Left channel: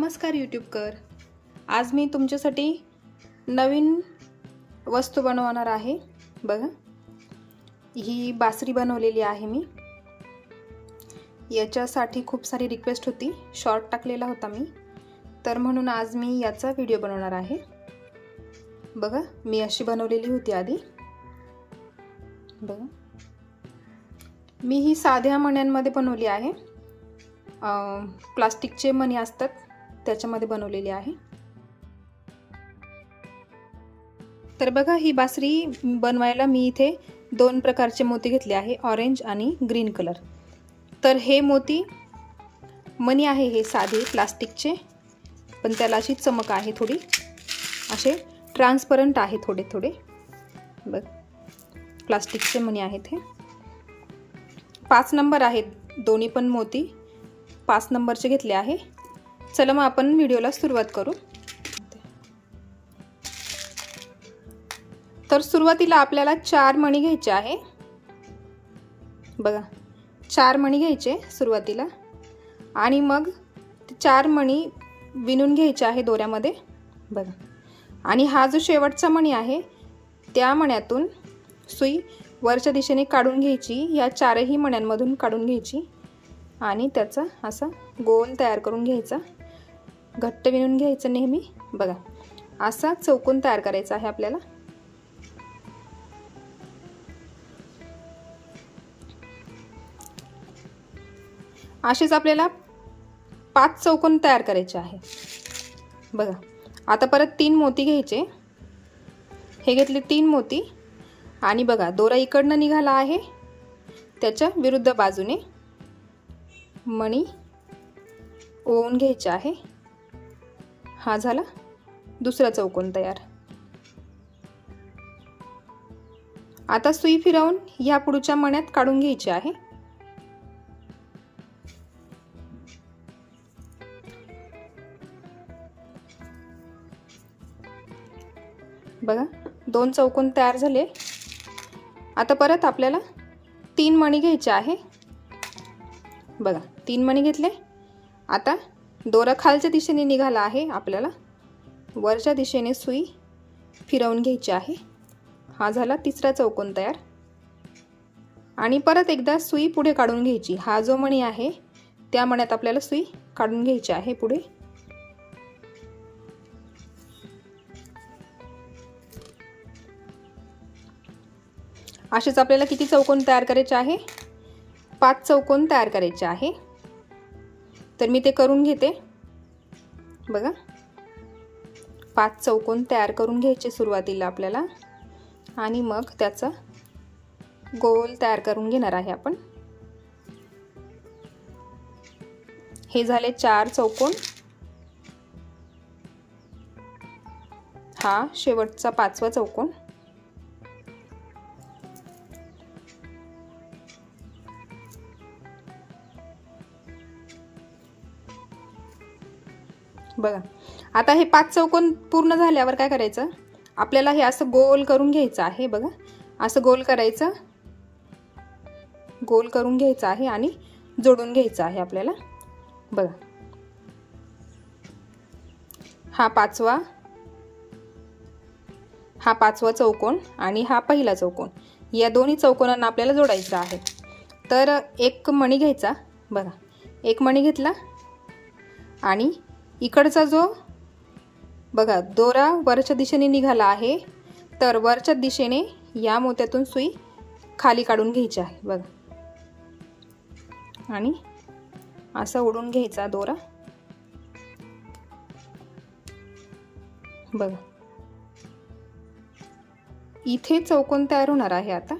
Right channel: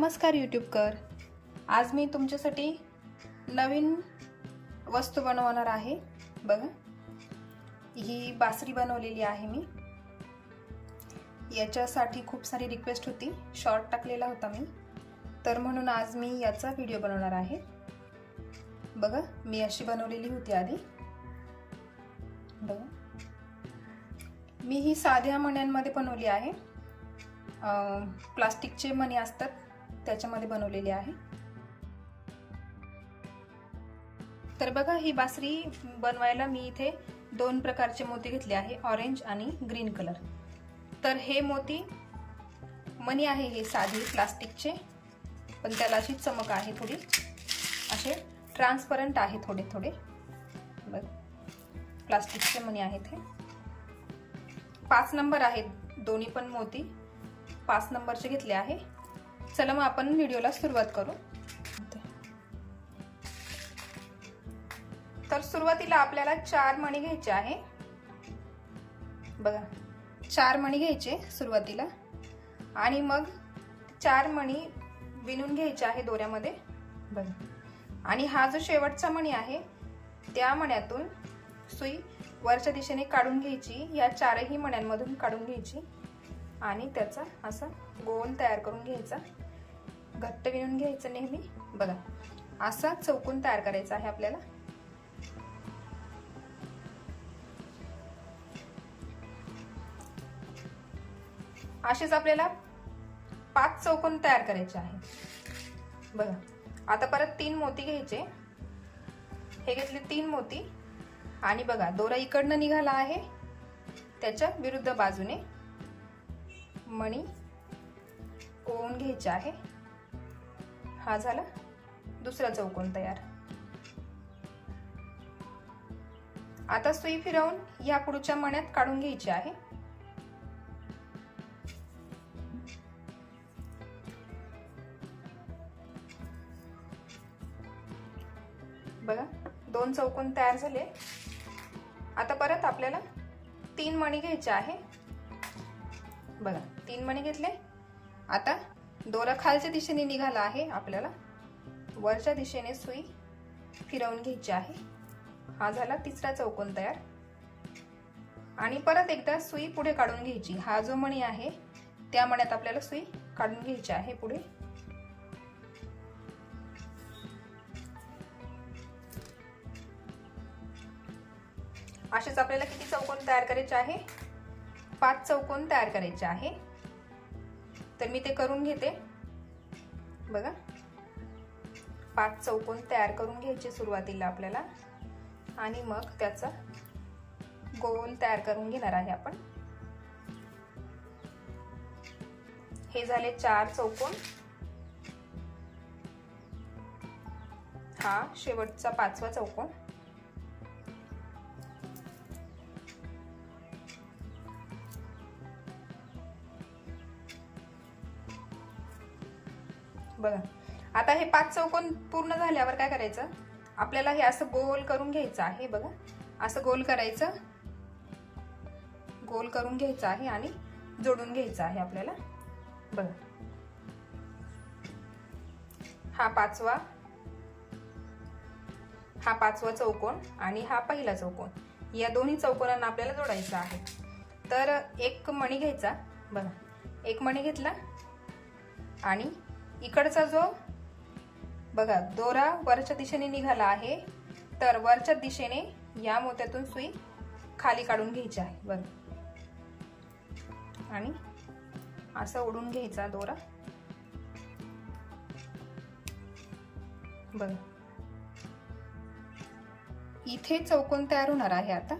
नमस्कार यूट्यूबकर. आज मी तुमच्यासाठी नवीन वस्तू बनवणार आहे. बघा, ही बासरी बनवलेली आहे मी. याच्यासाठी खूप सारी रिक्वेस्ट होती, शॉर्ट टाकलेला होता मी, तर म्हणून आज मी याचा व्हिडिओ बनवणार आहे. बघा, मी अशी बनवलेली होती आधी. बघा, मी ही साध्या मण्यांमध्ये बनवली आहे. प्लास्टिकचे मणी असतात त्याच्यामध्ये बनवलेली आहे. तर बघा, ही बासरी बनवायला मी इथे दोन प्रकारचे मोती घेतले आहे, ऑरेंज आणि ग्रीन कलर. तर हे मोती मणी आहे, हे साधे प्लास्टिकचे, पण त्याला अशी चमक आहे थोडी, असे ट्रान्सपरंट आहे थोडे थोडे. बघ, प्लास्टिकचे मणी आहेत. हे 5 नंबर आहेत दोन्ही पण मोती, 5 नंबरचे घेतले आहे. चला मग आपण व्हिडिओला सुरुवात करू. तर सुरुवातीला आपल्याला 4 मणी घ्यायचे आहे. बघा, 4 मणी घ्यायचे सुरुवातीला, आणि मग 4 मणी विणून घ्यायचे आहे दोऱ्यामध्ये. बघा, आणि हा जो शेवटचा मणी आहे त्या मण्यातून सुई वरच्या दिशेने काढून घ्यायची, या 4ही मण्यांमधून काढून घ्यायची, आणि त्याचा असा गोल तयार करून घ्यायचा. घट्ट विणून घ्यायचं नेहमी. बघा, असा चौकोन तयार करायचा आहे आपल्याला. असेच आपल्याला 5 चौकोन तयार करायचे आहे. बघा, आता परत 3 मोती घ्यायचे. हे घेतले 3 मोती, आणि बघा, दोरा इकडनं निघाला आहे, त्याच्या विरुद्ध बाजूने मणी ओवून घ्यायचे आहे. हा झाला दुसरा चौकोन तयार. आता सुई फिरवून या पुढच्या मण्यात काढून घ्यायची आहे. बघा, 2 चौकोन तयार झाले. आता परत आपल्याला 3 मणी घ्यायचे आहे. बघा, 3 मणी घेतले. आता दोरा खालच्या दिशेने निघाला आहे, आपल्याला वरच्या दिशेने सुई फिरवून घ्यायची आहे. हा झाला तिसरा चौकोन तयार. आणि परत एकदा सुई पुढे काढून घ्यायची. हा जो मणी आहे त्या मण्यात आपल्याला सुई काढून घ्यायची आहे पुढे. असेच आपल्याला किती चौकोन तयार करायचे आहे? 5 चौकोन तयार करायचे आहे. तर मी ते करून घेते. बघा, 5 चौकोन तयार करून घ्यायचे सुरुवातीला आपल्याला, आणि मग त्याचा गोल तयार करून घेणार आहे आपण. हे झाले 4 चौकोन. हा शेवटचा 5वा चौकोन. बघा, आता हे 5 चौकोन पूर्ण झाल्यावर काय करायचं, आपल्याला हे असं गोल करून घ्यायचं आहे. बघा, असं गोल करायचं, गोल करून घ्यायचं आहे आणि जोडून घ्यायचं आहे आपल्याला. बघा, हा 5वा चौकोन आणि हा पहिला चौकोन, या दोन्ही चौकोनांना आपल्याला जोडायचं आहे. तर एक मणी घ्यायचा. बघा, एक मणी घेतला, आणि इकडचा जो बघा दोरा वरच्या दिशेने निघाला आहे, तर वरच्या दिशेने या मोत्यातून सुई खाली काढून घ्यायची आहे. बघा, आणि असा ओढून घ्यायचा दोरा. बघा, इथे चौकोन तयार होणार आहे. आता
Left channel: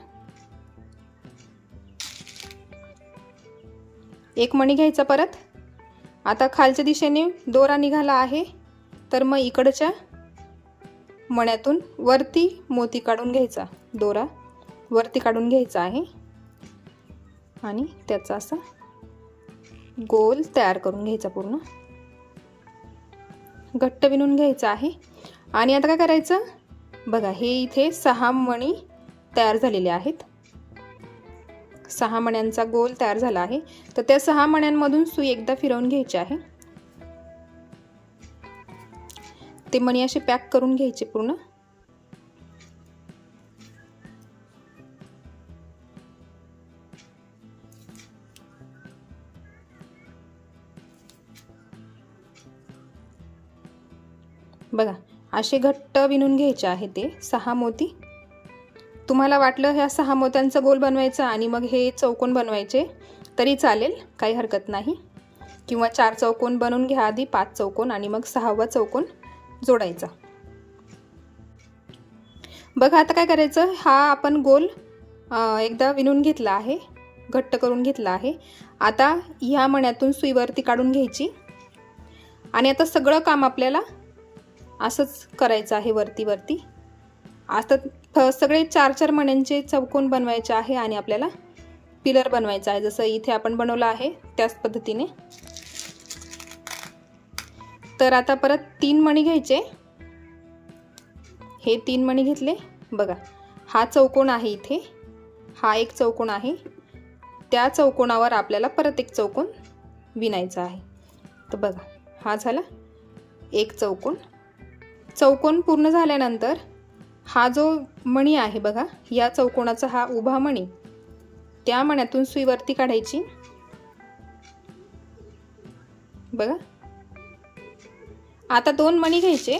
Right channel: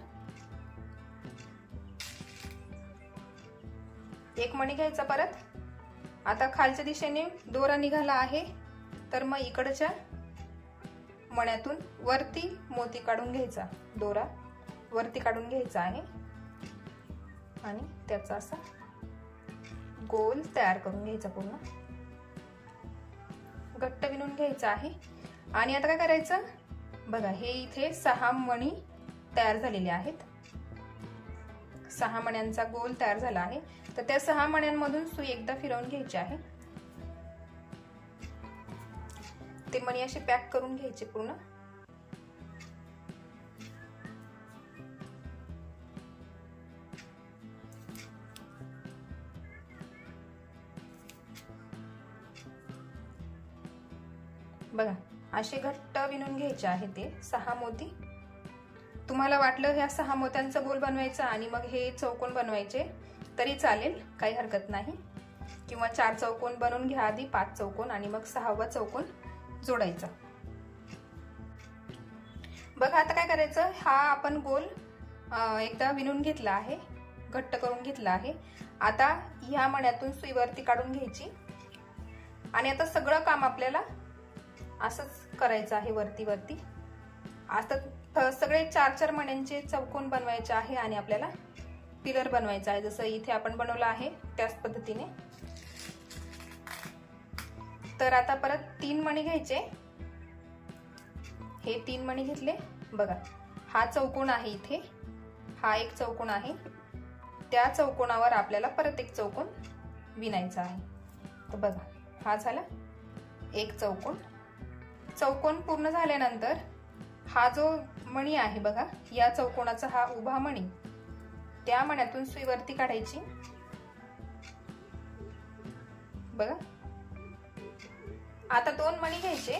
एक मणी घ्यायचा परत. आता खालच्या दिशेने दोरा निघाला आहे, तर मग इकडच्या मण्यातून वरती मोती काढून घ्यायचा, दोरा वरती काढून घ्यायचा आहे, आणि त्याचा असा गोल तयार करून घ्यायचा, पूर्ण घट्ट विणून घ्यायचा आहे. आणि आता काय करायचं, बघा, हे इथे 6 मणी तयार झालेले आहेत. 6 मण्यांचा गोल तयार झाला आहे. तर त्या 6 मण्यांमधून सुई एकदा फिरवून घ्यायची आहे. ते मणी असे पॅक करून घ्यायचे पूर्ण. बघा असे घट्ट विणून घ्यायचे आहे ते 6 मोती. तुम्हाला वाटलं ह्या 6 मोत्यांचा गोल बनवायचा आणि मग हे चौकोन बनवायचे तरी चालेल, काही हरकत नाही. किंवा 4 चौकोन बनवून घ्या आधी, 5 चौकोन आणि मग 6वा चौकोन जोडायचा. बघा आता काय करायचं, हा आपण गोल एकदा विणून घेतला आहे, घट्ट करून घेतला आहे. आता ह्या मण्यातून सुई वरती काढून घ्यायची आणि आता सगळं काम आपल्याला असंच करायचं आहे वरती वरती. आता सगळे 4-4 मण्यांचे चौकोन बनवायचे आहे आणि आपल्याला पिलर बनवायचा आहे, जसं इथे आपण बनवलं आहे त्याच पद्धतीने. तर आता परत 3 मणी घ्यायचे. हे 3 मणी घेतले. बघा हा चौकोन आहे इथे, हा एक चौकोन आहे, त्या चौकोनावर आपल्याला परत एक चौकोन विणायचा आहे. तर बघा हा झाला एक चौकोन. चौकोन पूर्ण झाल्यानंतर हा जो मणी आहे बघा, या चौकोनाचा हा उभा मणी, त्या मण्यातून सुई वरती काढायची. बघा आता 2 मणी घ्यायचे.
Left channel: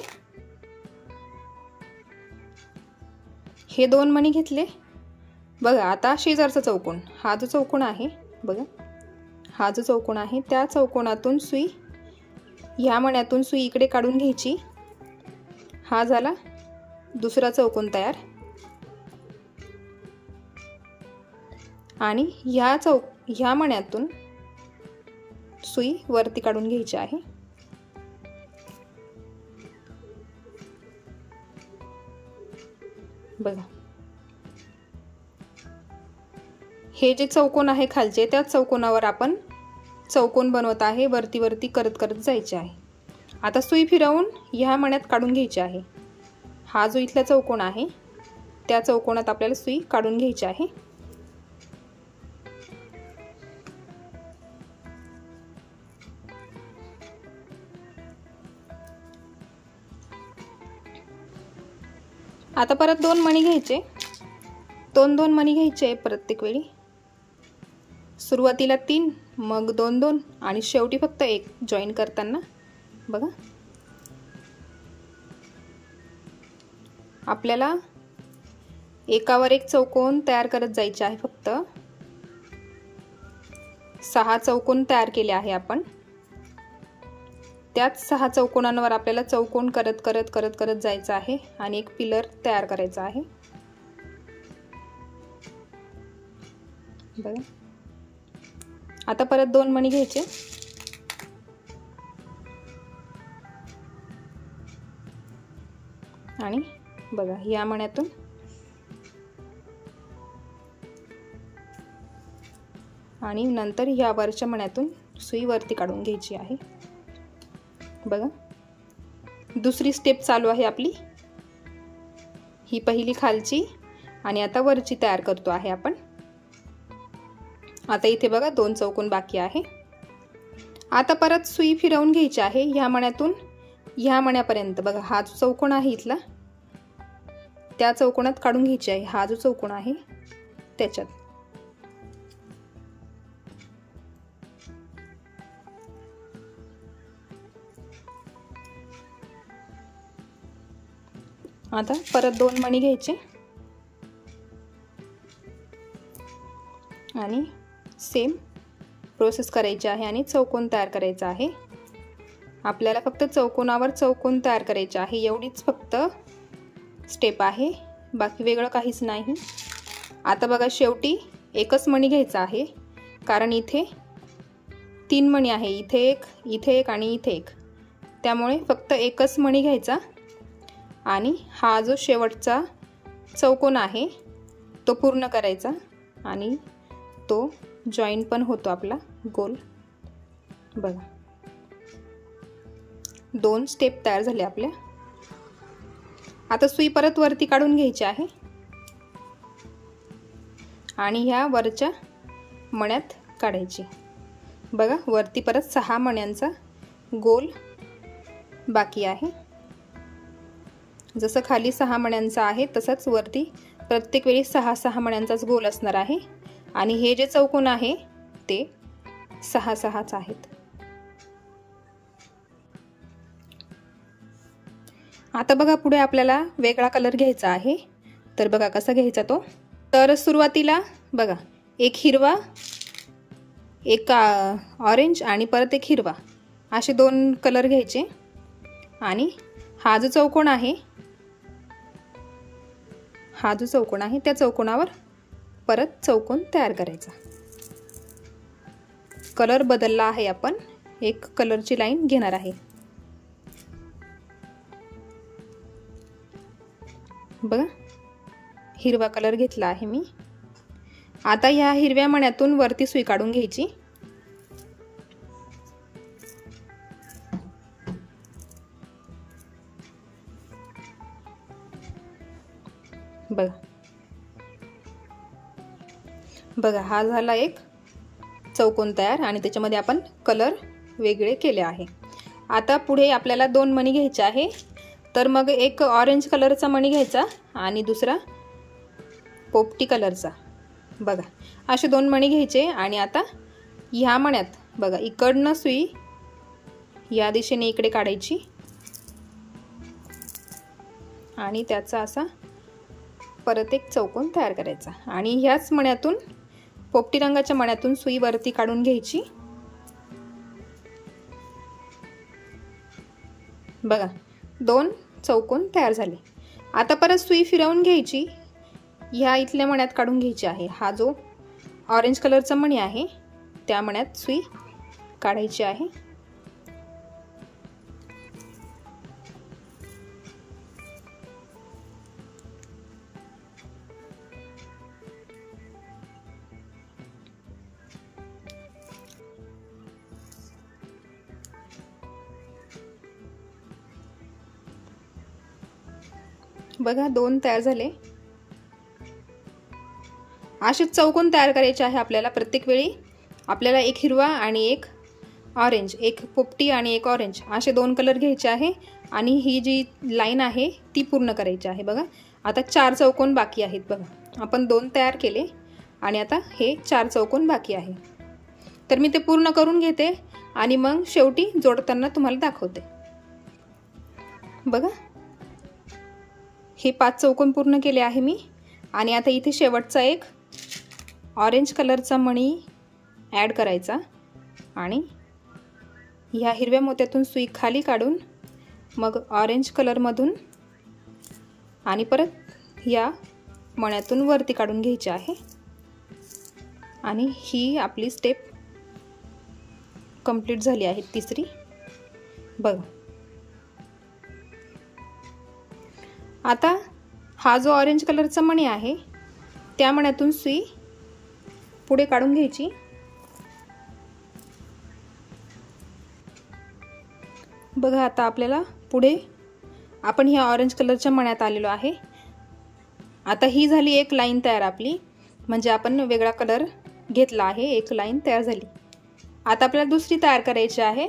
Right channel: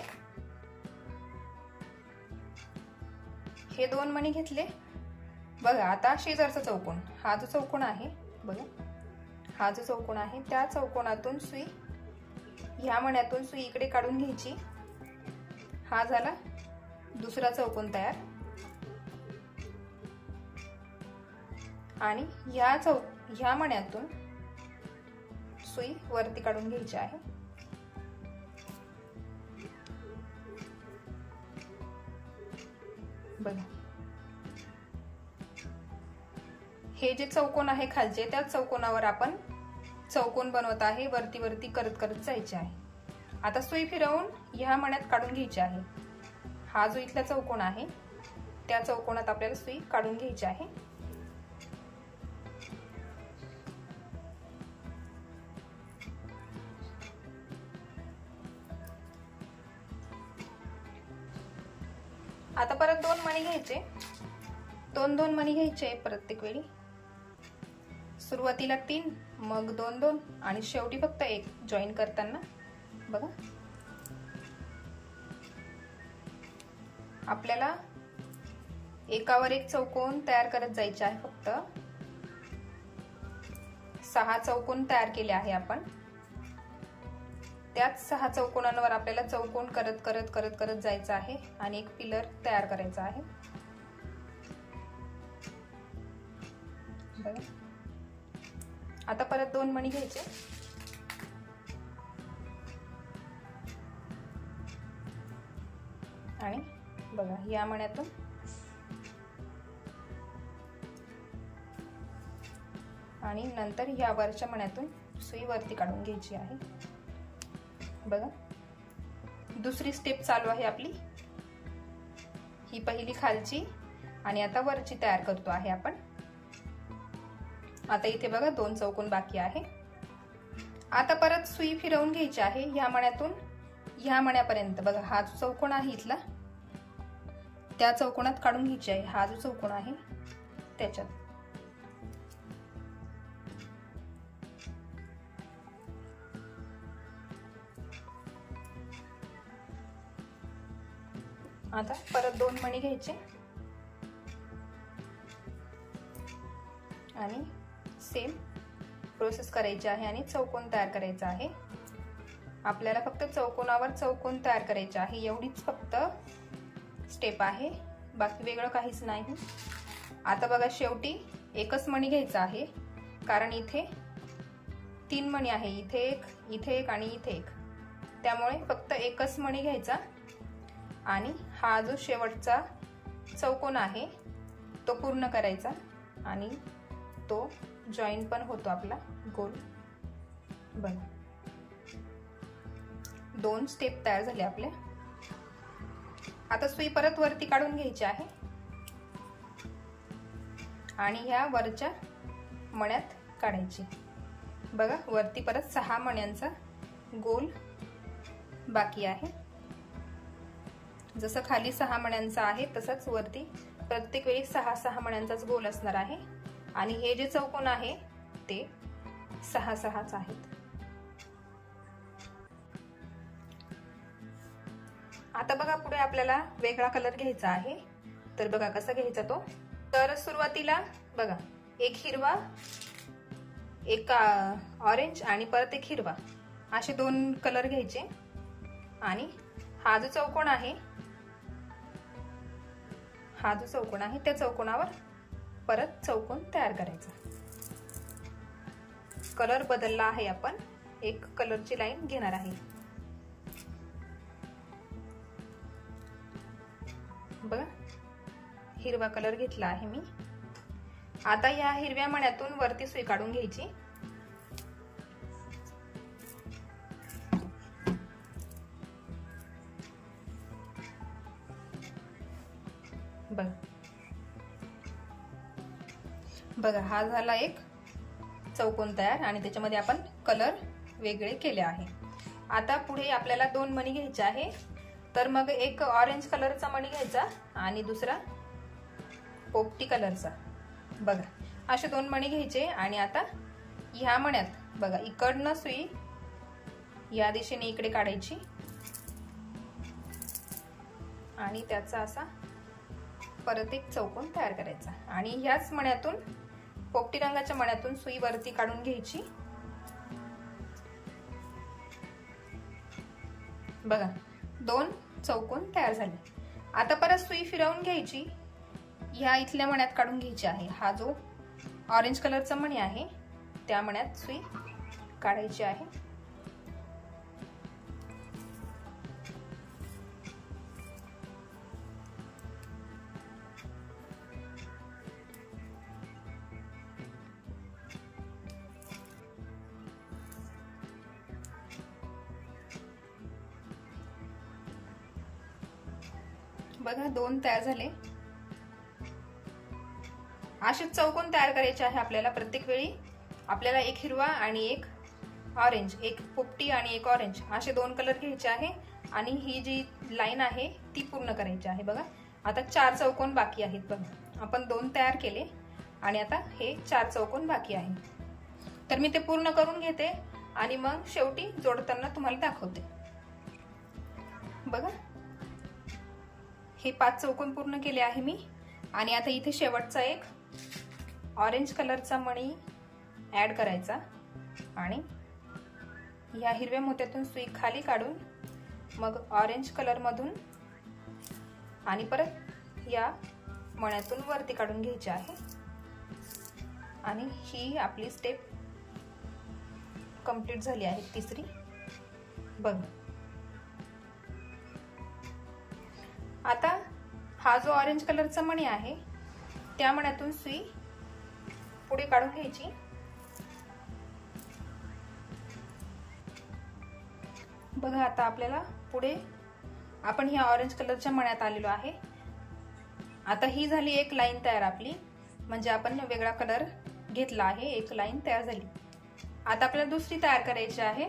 हे 2 मणी घेतले. बघा आता शेजारचा चौकोन, हा जो चौकोन आहे बघा, हा जो चौकोन आहे त्या चौकोनातून सुई, ह्या मण्यातून सुई इकडे काढून घ्यायची. हा झाला दुसरा चौकोन तयार. आणि ह्या मण्यातून सुई वरती काढून घ्यायची आहे. बघा हे जे चौकोन आहे खालचे, त्या चौकोनावर आपण चौकोन बनवत आहे, वरती वरती करत करत जायचे आहे. आता सुई फिरवून ह्या मण्यात काढून घ्यायची आहे. हा जो इथला चौकोन आहे त्या चौकोनात आपल्याला सुई काढून घ्यायची आहे. आता परत 2 मणी घ्यायचे. 2-2 मणी घ्यायचे प्रत्येक वेळी. सुरुवातीला 3, मग 2-2 आणि शेवटी फक्त 1 जॉईन करताना. बघा आपल्याला एकावर एक चौकोन तयार करत जायचे आहे. फक्त 6 चौकोन तयार केले आहे आपण. त्याच 6 चौकोनांवर आपल्याला चौकोन करत करत करत करत जायचं आहे आणि एक पिलर तयार करायचा आहे. बघा आता परत 2 मणी घ्यायचे. आणि बघा या मण्यातून आणि नंतर ह्या वरच्या मण्यातून सुई वरती काढून घ्यायची आहे. बघा दुसरी स्टेप चालू आहे आपली. ही पहिली खालची आणि आता वरची तयार करतो आहे आपण. आता इथे बघा 2 चौकोन बाकी आहे. आता परत सुई फिरवून घ्यायची आहे ह्या मण्यातून ह्या मण्यापर्यंत. बघा हा जो चौकोन आहे इथला, त्या चौकोनात काढून घ्यायची आहे. हा जो चौकोन आहे त्याच्यात. आता परत 2 मणी घ्यायचे आणि सेम प्रोसेस करायची आहे आणि चौकोन तयार करायचा आहे. आपल्याला फक्त चौकोनावर चौकोन तयार करायचे आहे, एवढीच फक्त स्टेप आहे, बाकी वेगळं काहीच नाही. आता बघा शेवटी एकच मणी घ्यायचा आहे, कारण इथे 3 मणी आहे, इथे एक आणि इथे एक. त्यामुळे फक्त एकच मणी घ्यायचा आणि हा जो शेवटचा चौकोन आहे तो पूर्ण करायचा आणि तो जॉईन पण होतो आपला गोल. बघा 2 स्टेप तयार झाले आपल्या. आता सुई परत वरती काढून घ्यायची आहे आणि ह्या वरच्या मण्यात काढायची. बघा वरती परत 6 मण्यांचा गोल बाकी आहे. जसं खाली 6 मण्यांचा आहे तसंच वरती प्रत्येक वेळी 6-6 मण्यांचाच गोल असणार आहे आणि हे जे चौकोन आहे ते 6-6च आहेत। आता बघा पुढे आपल्याला वेगळा कलर घ्यायचा आहे, तर बघा कसा घ्यायचा तो। तर सुरुवातीला बघा एक हिरवा, एक ऑरेंज आणि परत एक हिरवा असे 2 कलर घ्यायचे आणि हा जो चौकोन आहे त्या चौकोनावर परत चौकोन तयार करायचा। कलर बदलला आहे, आपण एक कलरची लाईन घेणार आहे। बघा हिरवा कलर घेतला आहे मी। आता ह्या हिरव्या मण्यातून वरती सुई काढून घ्यायची। बघा हा झाला एक चौकोन तयार आणि त्याच्यामध्ये आपण कलर वेगळे केले आहे। आता पुढे आपल्याला 2 मणी घ्यायचे आहे, तर मग एक ऑरेंज कलरचा मणी घ्यायचा आणि दुसरा पोपटी कलरचा। बघा असे 2 मणी घ्यायचे आणि आता ह्या मण्यात बघा इकडनं सुई या दिशेने इकडे काढायची आणि त्याचा असा परत एक चौकोन तयार करायचा आणि ह्याच मण्यातून पोपटी रंगाच्या मण्यातून सुई वरती काढून घ्यायची। बघा 2 चौकोन तयार झाले। आता परत सुई फिरवून घ्यायची, ह्या इथल्या मण्यात काढून घ्यायची आहे। हा जो ऑरेंज कलरचा मणी आहे त्या मण्यात सुई काढायची आहे। बघा 2 तयार झाले। असे चौकोन तयार करायचे आहे आपल्याला। प्रत्येक वेळी आपल्याला एक हिरवा आणि एक ऑरेंज, एक पोपटी आणि एक ऑरेंज असे 2 कलर घ्यायचे आहे आणि ही जी लाईन आहे ती पूर्ण करायची आहे। बघा आता 4 चौकोन बाकी आहेत। बघा आपण 2 तयार केले आणि आता हे 4 चौकोन बाकी आहे, तर मी ते पूर्ण करून घेते आणि मग शेवटी जोडताना तुम्हाला दाखवते। बघा हे 5 चौकोन पूर्ण केले आहे मी आणि आता इथे शेवटचा एक ऑरेंज कलरचा मणी ॲड करायचा आणि ह्या हिरव्या मोत्यातून सुई खाली काढून मग ऑरेंज कलरमधून आणि परत या मण्यातून वरती काढून घ्यायची आहे आणि ही आपली स्टेप कंप्लीट झाली आहे, तिसरी। बघा आता हा जो ऑरेंज कलरचा मणी आहे त्या मण्यातून सुई पुढे काढून घ्यायची। बघा आता आपल्याला पुढे आपण ह्या ऑरेंज कलरच्या मण्यात आलेलो आहे। आता ही झाली एक लाईन तयार आपली, म्हणजे आपण वेगळा कलर घेतला आहे, एक लाईन तयार झाली। आता आपल्याला दुसरी तयार करायची आहे।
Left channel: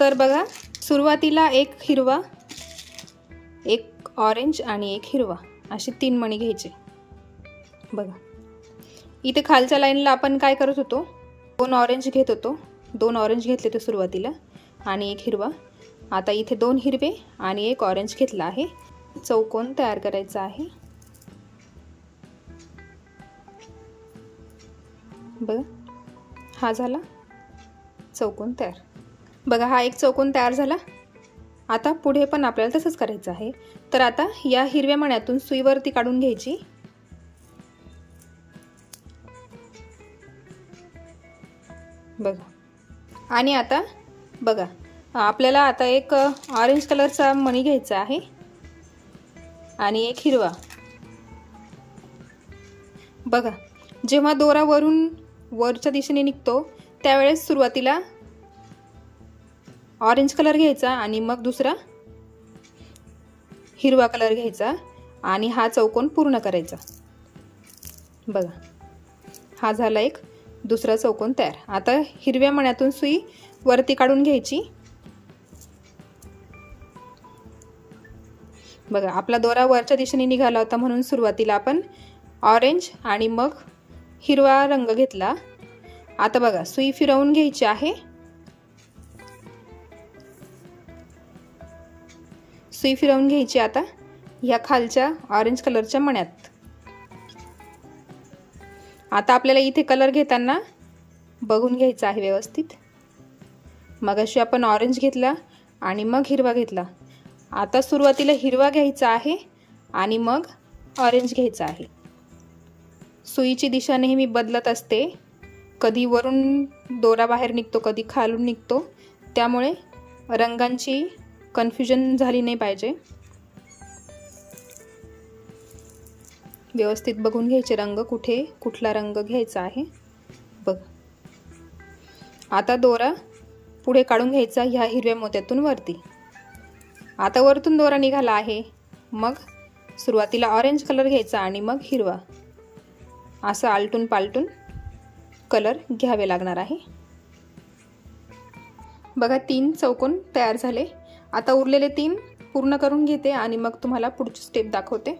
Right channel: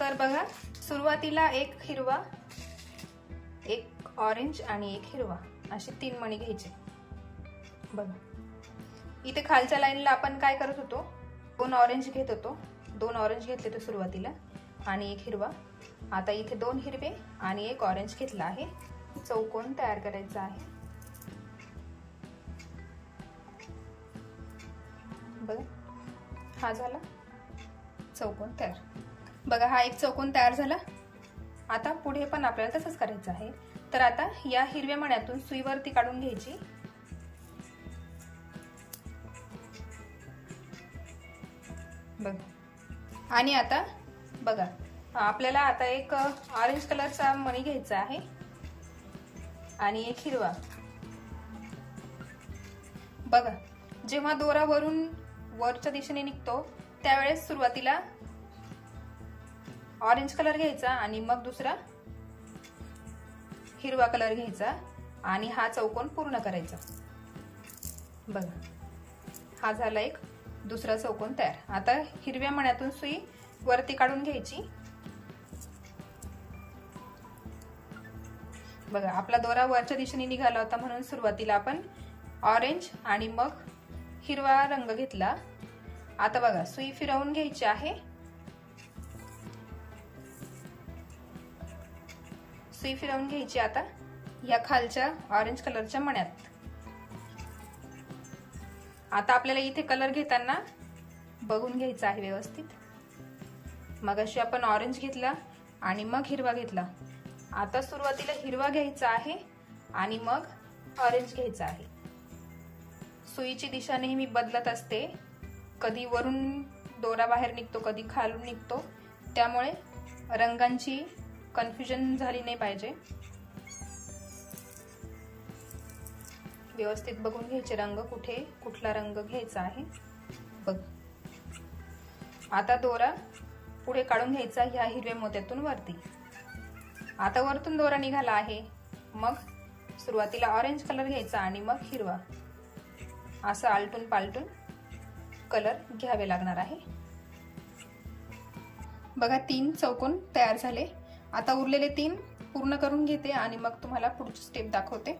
तर बघा सुरुवातीला एक हिरवा, एक ऑरेंज आणि एक हिरवा असे 3 मणी घ्यायचे। बघा इथे खालच्या लाईनला आपण काय करत होतो, 2 ऑरेंज घेत होतो, 2 ऑरेंज घेतले होते सुरुवातीला आणि एक हिरवा। आता इथे 2 हिरवे आणि एक ऑरेंज घेतला आहे। चौकोन तयार करायचा आहे। बघा हा झाला चौकोन तयार। बघा हा एक चौकोन तयार झाला। आता पुढे पण आपल्याला तसंच करायचं आहे। तर आता या हिरव्या मण्यातून सुई वरती काढून घ्यायची बघा आणि आता बघा आपल्याला आता एक ऑरेंज कलरचा मणी घ्यायचा आहे आणि एक हिरवा। बघा जेव्हा दोरा वरून वरच्या दिशेने निघतो त्यावेळेस सुरुवातीला ऑरेंज कलर घ्यायचा आणि मग दुसरा हिरवा कलर घ्यायचा आणि हा चौकोन पूर्ण करायचा। बघा हा झाला एक दुसरा चौकोन तयार। आता हिरव्या मण्यातून सुई वरती काढून घ्यायची बघा आपला दोरा वरच्या दिशेने निघाला होता म्हणून सुरुवातीला आपण ऑरेंज आणि मग हिरवा रंग घेतला. आता बघा सुई फिरवून घ्यायची आहे. सुई फिरवून घ्यायची आता ह्या खालच्या ऑरेंज कलरच्या मण्यात. आता आपल्याला इथे कलर घेताना बघून घ्यायचा आहे व्यवस्थित. मगाशी आपण ऑरेंज घेतला आणि मग हिरवा घेतला. आता सुरुवातीला हिरवा घ्यायचा आहे आणि मग ऑरेंज घ्यायचा आहे. सुईची दिशा नेहमी बदलत असते. कधी वरून दोरा बाहेर निघतो, कधी खालून निघतो. त्यामुळे रंगांची कन्फ्युजन झाली नाही पाहिजे. व्यवस्थित बघून घ्यायचे रंग, कुठे कुठला रंग घ्यायचा आहे. बघ आता दोरा पुढे काढून घ्यायचा ह्या हिरव्या मोत्यातून वरती. आता वरतून दोरा निघाला आहे. मग सुरुवातीला ऑरेंज कलर घ्यायचा आणि मग हिरवा. असं आलटून पालटून कलर घ्यावे लागणार आहे. बघा 3 चौकोन तयार झाले. आता उरलेले 3 पूर्ण करून घेते आणि मग तुम्हाला पुढची स्टेप दाखवते.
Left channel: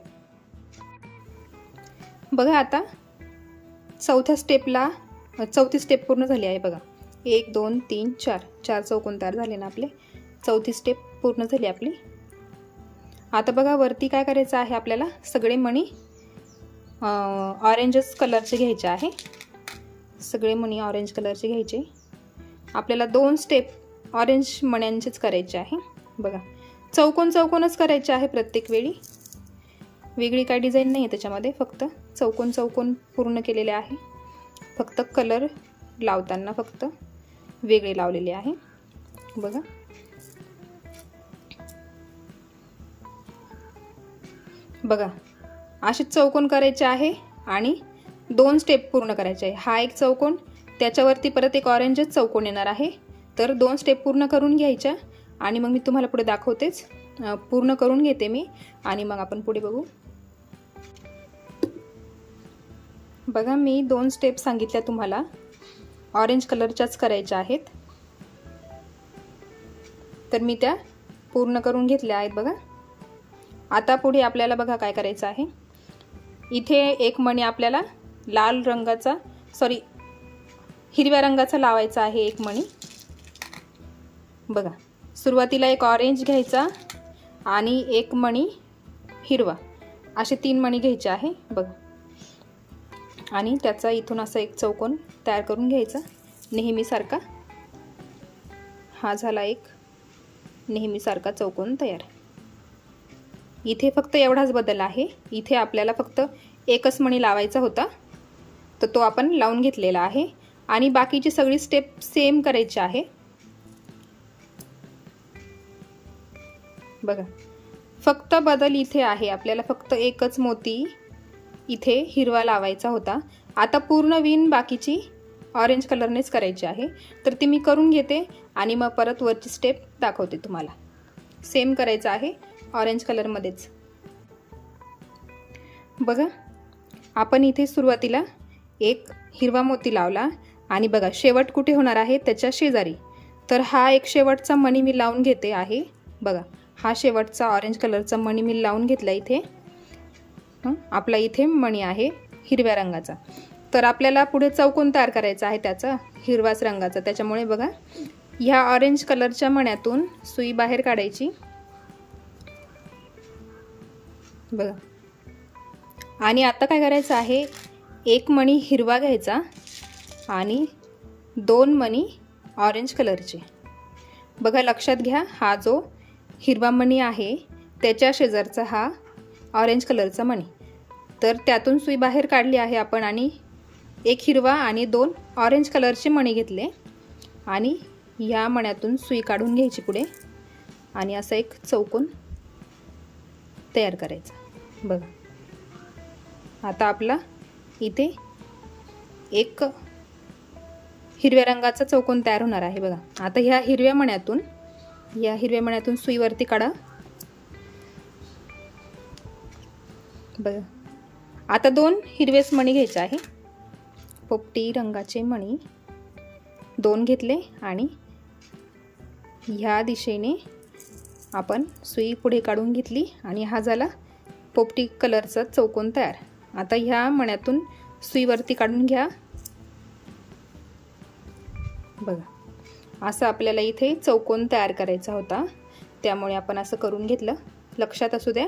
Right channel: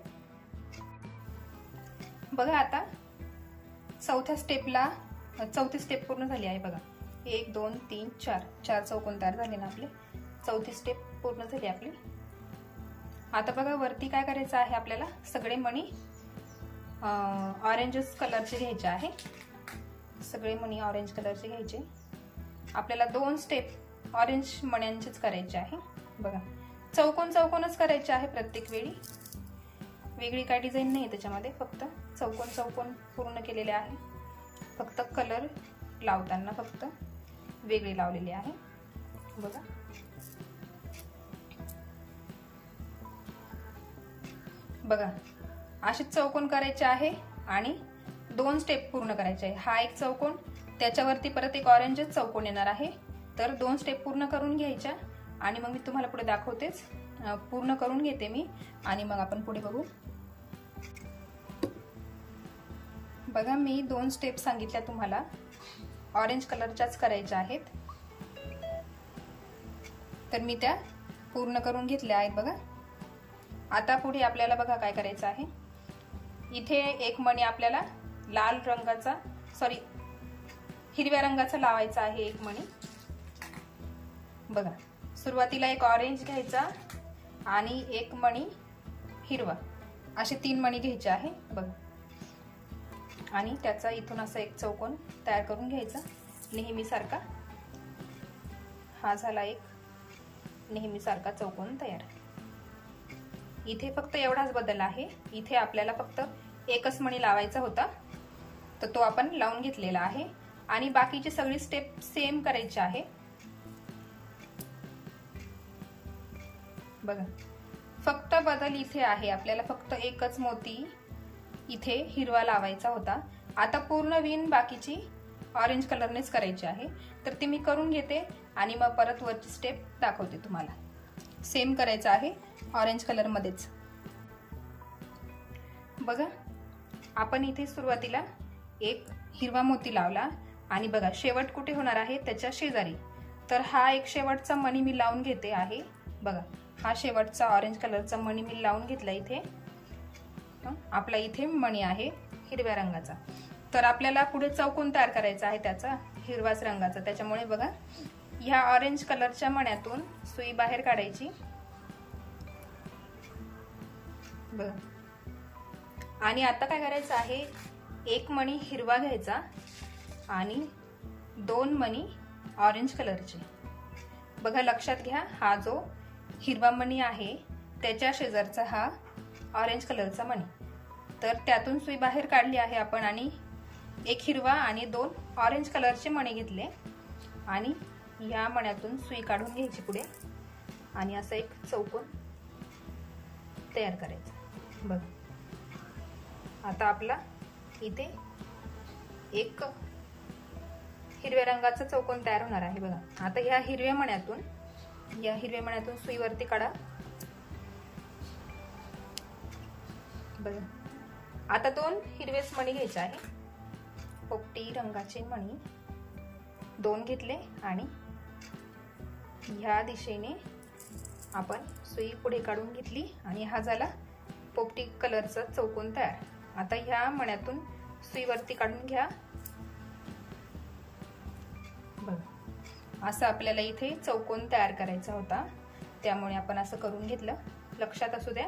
बघा आता चौथी स्टेप पूर्ण झाली आहे. बघा 1 2 3 4 चौकोन तयार झाले ना आपले. चौथी स्टेप पूर्ण झाली आपली. आता बघा वरती काय करायचं आहे आपल्याला. सगळे मणी ऑरेंजच कलरचे घ्यायचे आहे. सगळे मणी ऑरेंज कलरचे घ्यायचे. आपल्याला 2 स्टेप ऑरेंज मण्यांचेच करायचे आहे. बघा चौकोनच करायचे आहे प्रत्येक वेळी. वेगळी काय डिझाईन नाही आहे त्याच्यामध्ये, फक्त चौकोन पूर्ण केलेले आहे. फक्त कलर लावताना फक्त वेगळे लावलेले आहे. बघा बघा असे चौकोन करायचे आहे आणि 2 स्टेप पूर्ण करायचे आहे. हा एक चौकोन, त्याच्यावरती परत एक ऑरेंजच चौकोन येणार आहे. तर 2 स्टेप पूर्ण करून घ्यायच्या आणि मग मी तुम्हाला पुढे दाखवतेच. पूर्ण करून घेते मी आणि मग आपण पुढे बघू. बघा मी 2 स्टेप सांगितल्या तुम्हाला, ऑरेंज कलरच्याच करायच्या आहेत. तर मी त्या पूर्ण करून घेतल्या आहेत. बघा आता पुढे आपल्याला बघा काय करायचं आहे. इथे एक मणी आपल्याला हिरव्या रंगाचा लावायचा आहे. एक मणी बघा सुरुवातीला एक ऑरेंज घ्यायचा आणि एक मणी हिरवा, असे 3 मणी घ्यायचे आहे. बघा आणि त्याचा इथून असा एक चौकोन तयार करून घ्यायचा नेहमीसारखा. हा झाला एक नेहमीसारखा चौकोन तयार. इथे फक्त एवढाच बदल आहे. इथे आपल्याला फक्त एकच मणी लावायचा होता, तर तो आपण लावून घेतलेला आहे. आणि बाकीची सगळी स्टेप सेम करायची आहे. बघा फक्त बदल इथे आहे. आपल्याला फक्त एकच मोती इथे हिरवा लावायचा होता. आता पूर्ण विण बाकीची ऑरेंज कलरनेच करायची आहे. तर ती मी करून घेते आणि मग परत वरची स्टेप दाखवते तुम्हाला. सेम करायचं आहे ऑरेंज कलरमध्येच. बघा आपण इथे सुरुवातीला एक हिरवा मोती लावला आणि बघा शेवट कुठे होणार आहे त्याच्या शेजारी. तर हा एक शेवटचा मणी मी लावून घेते आहे. बघा हा शेवटचा ऑरेंज कलरचा मणी मी लावून घेतला इथे. आपला इथे मणी आहे हिरव्या रंगाचा. तर आपल्याला पुढे चौकोन तयार करायचा आहे त्याचा हिरवाच रंगाचा. त्याच्यामुळे बघा ह्या ऑरेंज कलरच्या मण्यातून सुई बाहेर काढायची. बघा आणि आता काय करायचं आहे, एक मणी हिरवा घ्यायचा आणि 2 मणी ऑरेंज कलरचे. बघा लक्षात घ्या, हा जो हिरवा मणी आहे त्याच्या शेजारचा हा ऑरेंज कलरचा मणी. तर त्यातून सुई बाहेर काढली आहे आपण आणि एक हिरवा आणि 2 ऑरेंज कलरचे मणी घेतले आणि या मण्यातून सुई काढून घ्यायची पुढे आणि असा एक चौकोन तयार करायचा. बघा आता आपला इथे एक हिरव्या रंगाचा चौकोन तयार होणार आहे. बघा आता या हिरव्या मण्यातून सुई वरती काढा. बघा आता 2 हिरवेच मणी घ्यायचे आहे. पोपटी रंगाचे मणी 2 घेतले आणि ह्या दिशेने आपण सुई पुढे काढून घेतली आणि हा झाला पोपटी कलरचा चौकोन तयार. आता ह्या मण्यातून सुई वरती काढून घ्या. बघा असं आपल्याला इथे चौकोन तयार करायचा होता, त्यामुळे आपण असं करून घेतलं. लक्षात असू द्या,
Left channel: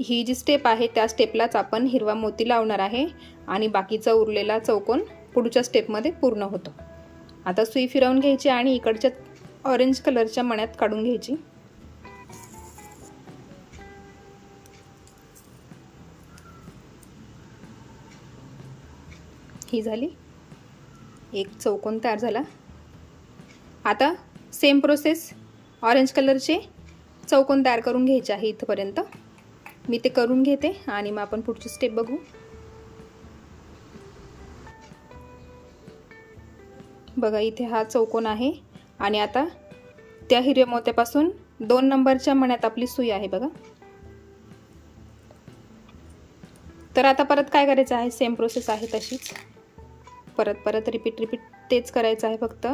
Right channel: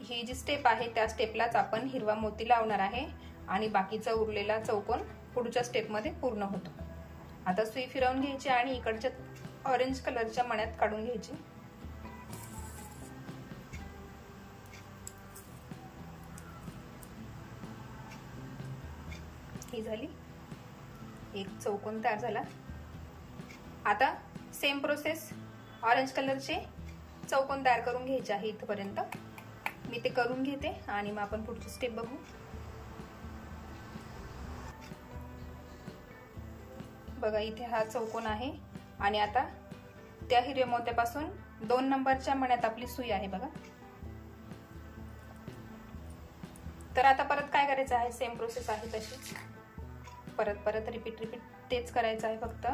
ही जी स्टेप आहे त्या स्टेपलाच आपण हिरवा मोती लावणार आहे आणि बाकीचा उरलेला चौकोन पुढच्या स्टेपमध्ये पूर्ण होतो. आता सुई फिरवून घ्यायची आणि इकडच्या ऑरेंज कलरच्या मण्यात काढून घ्यायची. ही झाली, एक चौकोन तयार झाला. आता सेम प्रोसेस ऑरेंज कलरचे चौकोन तयार करून घ्यायचे आहे. इथपर्यंत मी ते करून घेते आणि मग आपण पुढची स्टेप बघू. बघा इथे हा चौकोन आहे आणि आता त्या हिरव्या मोत्यापासून 2 नंबरच्या मण्यात आपली सुई आहे. बघा तर आता परत काय करायचं आहे, सेम प्रोसेस आहे तशीच परत रिपीट तेच करायचं आहे, फक्त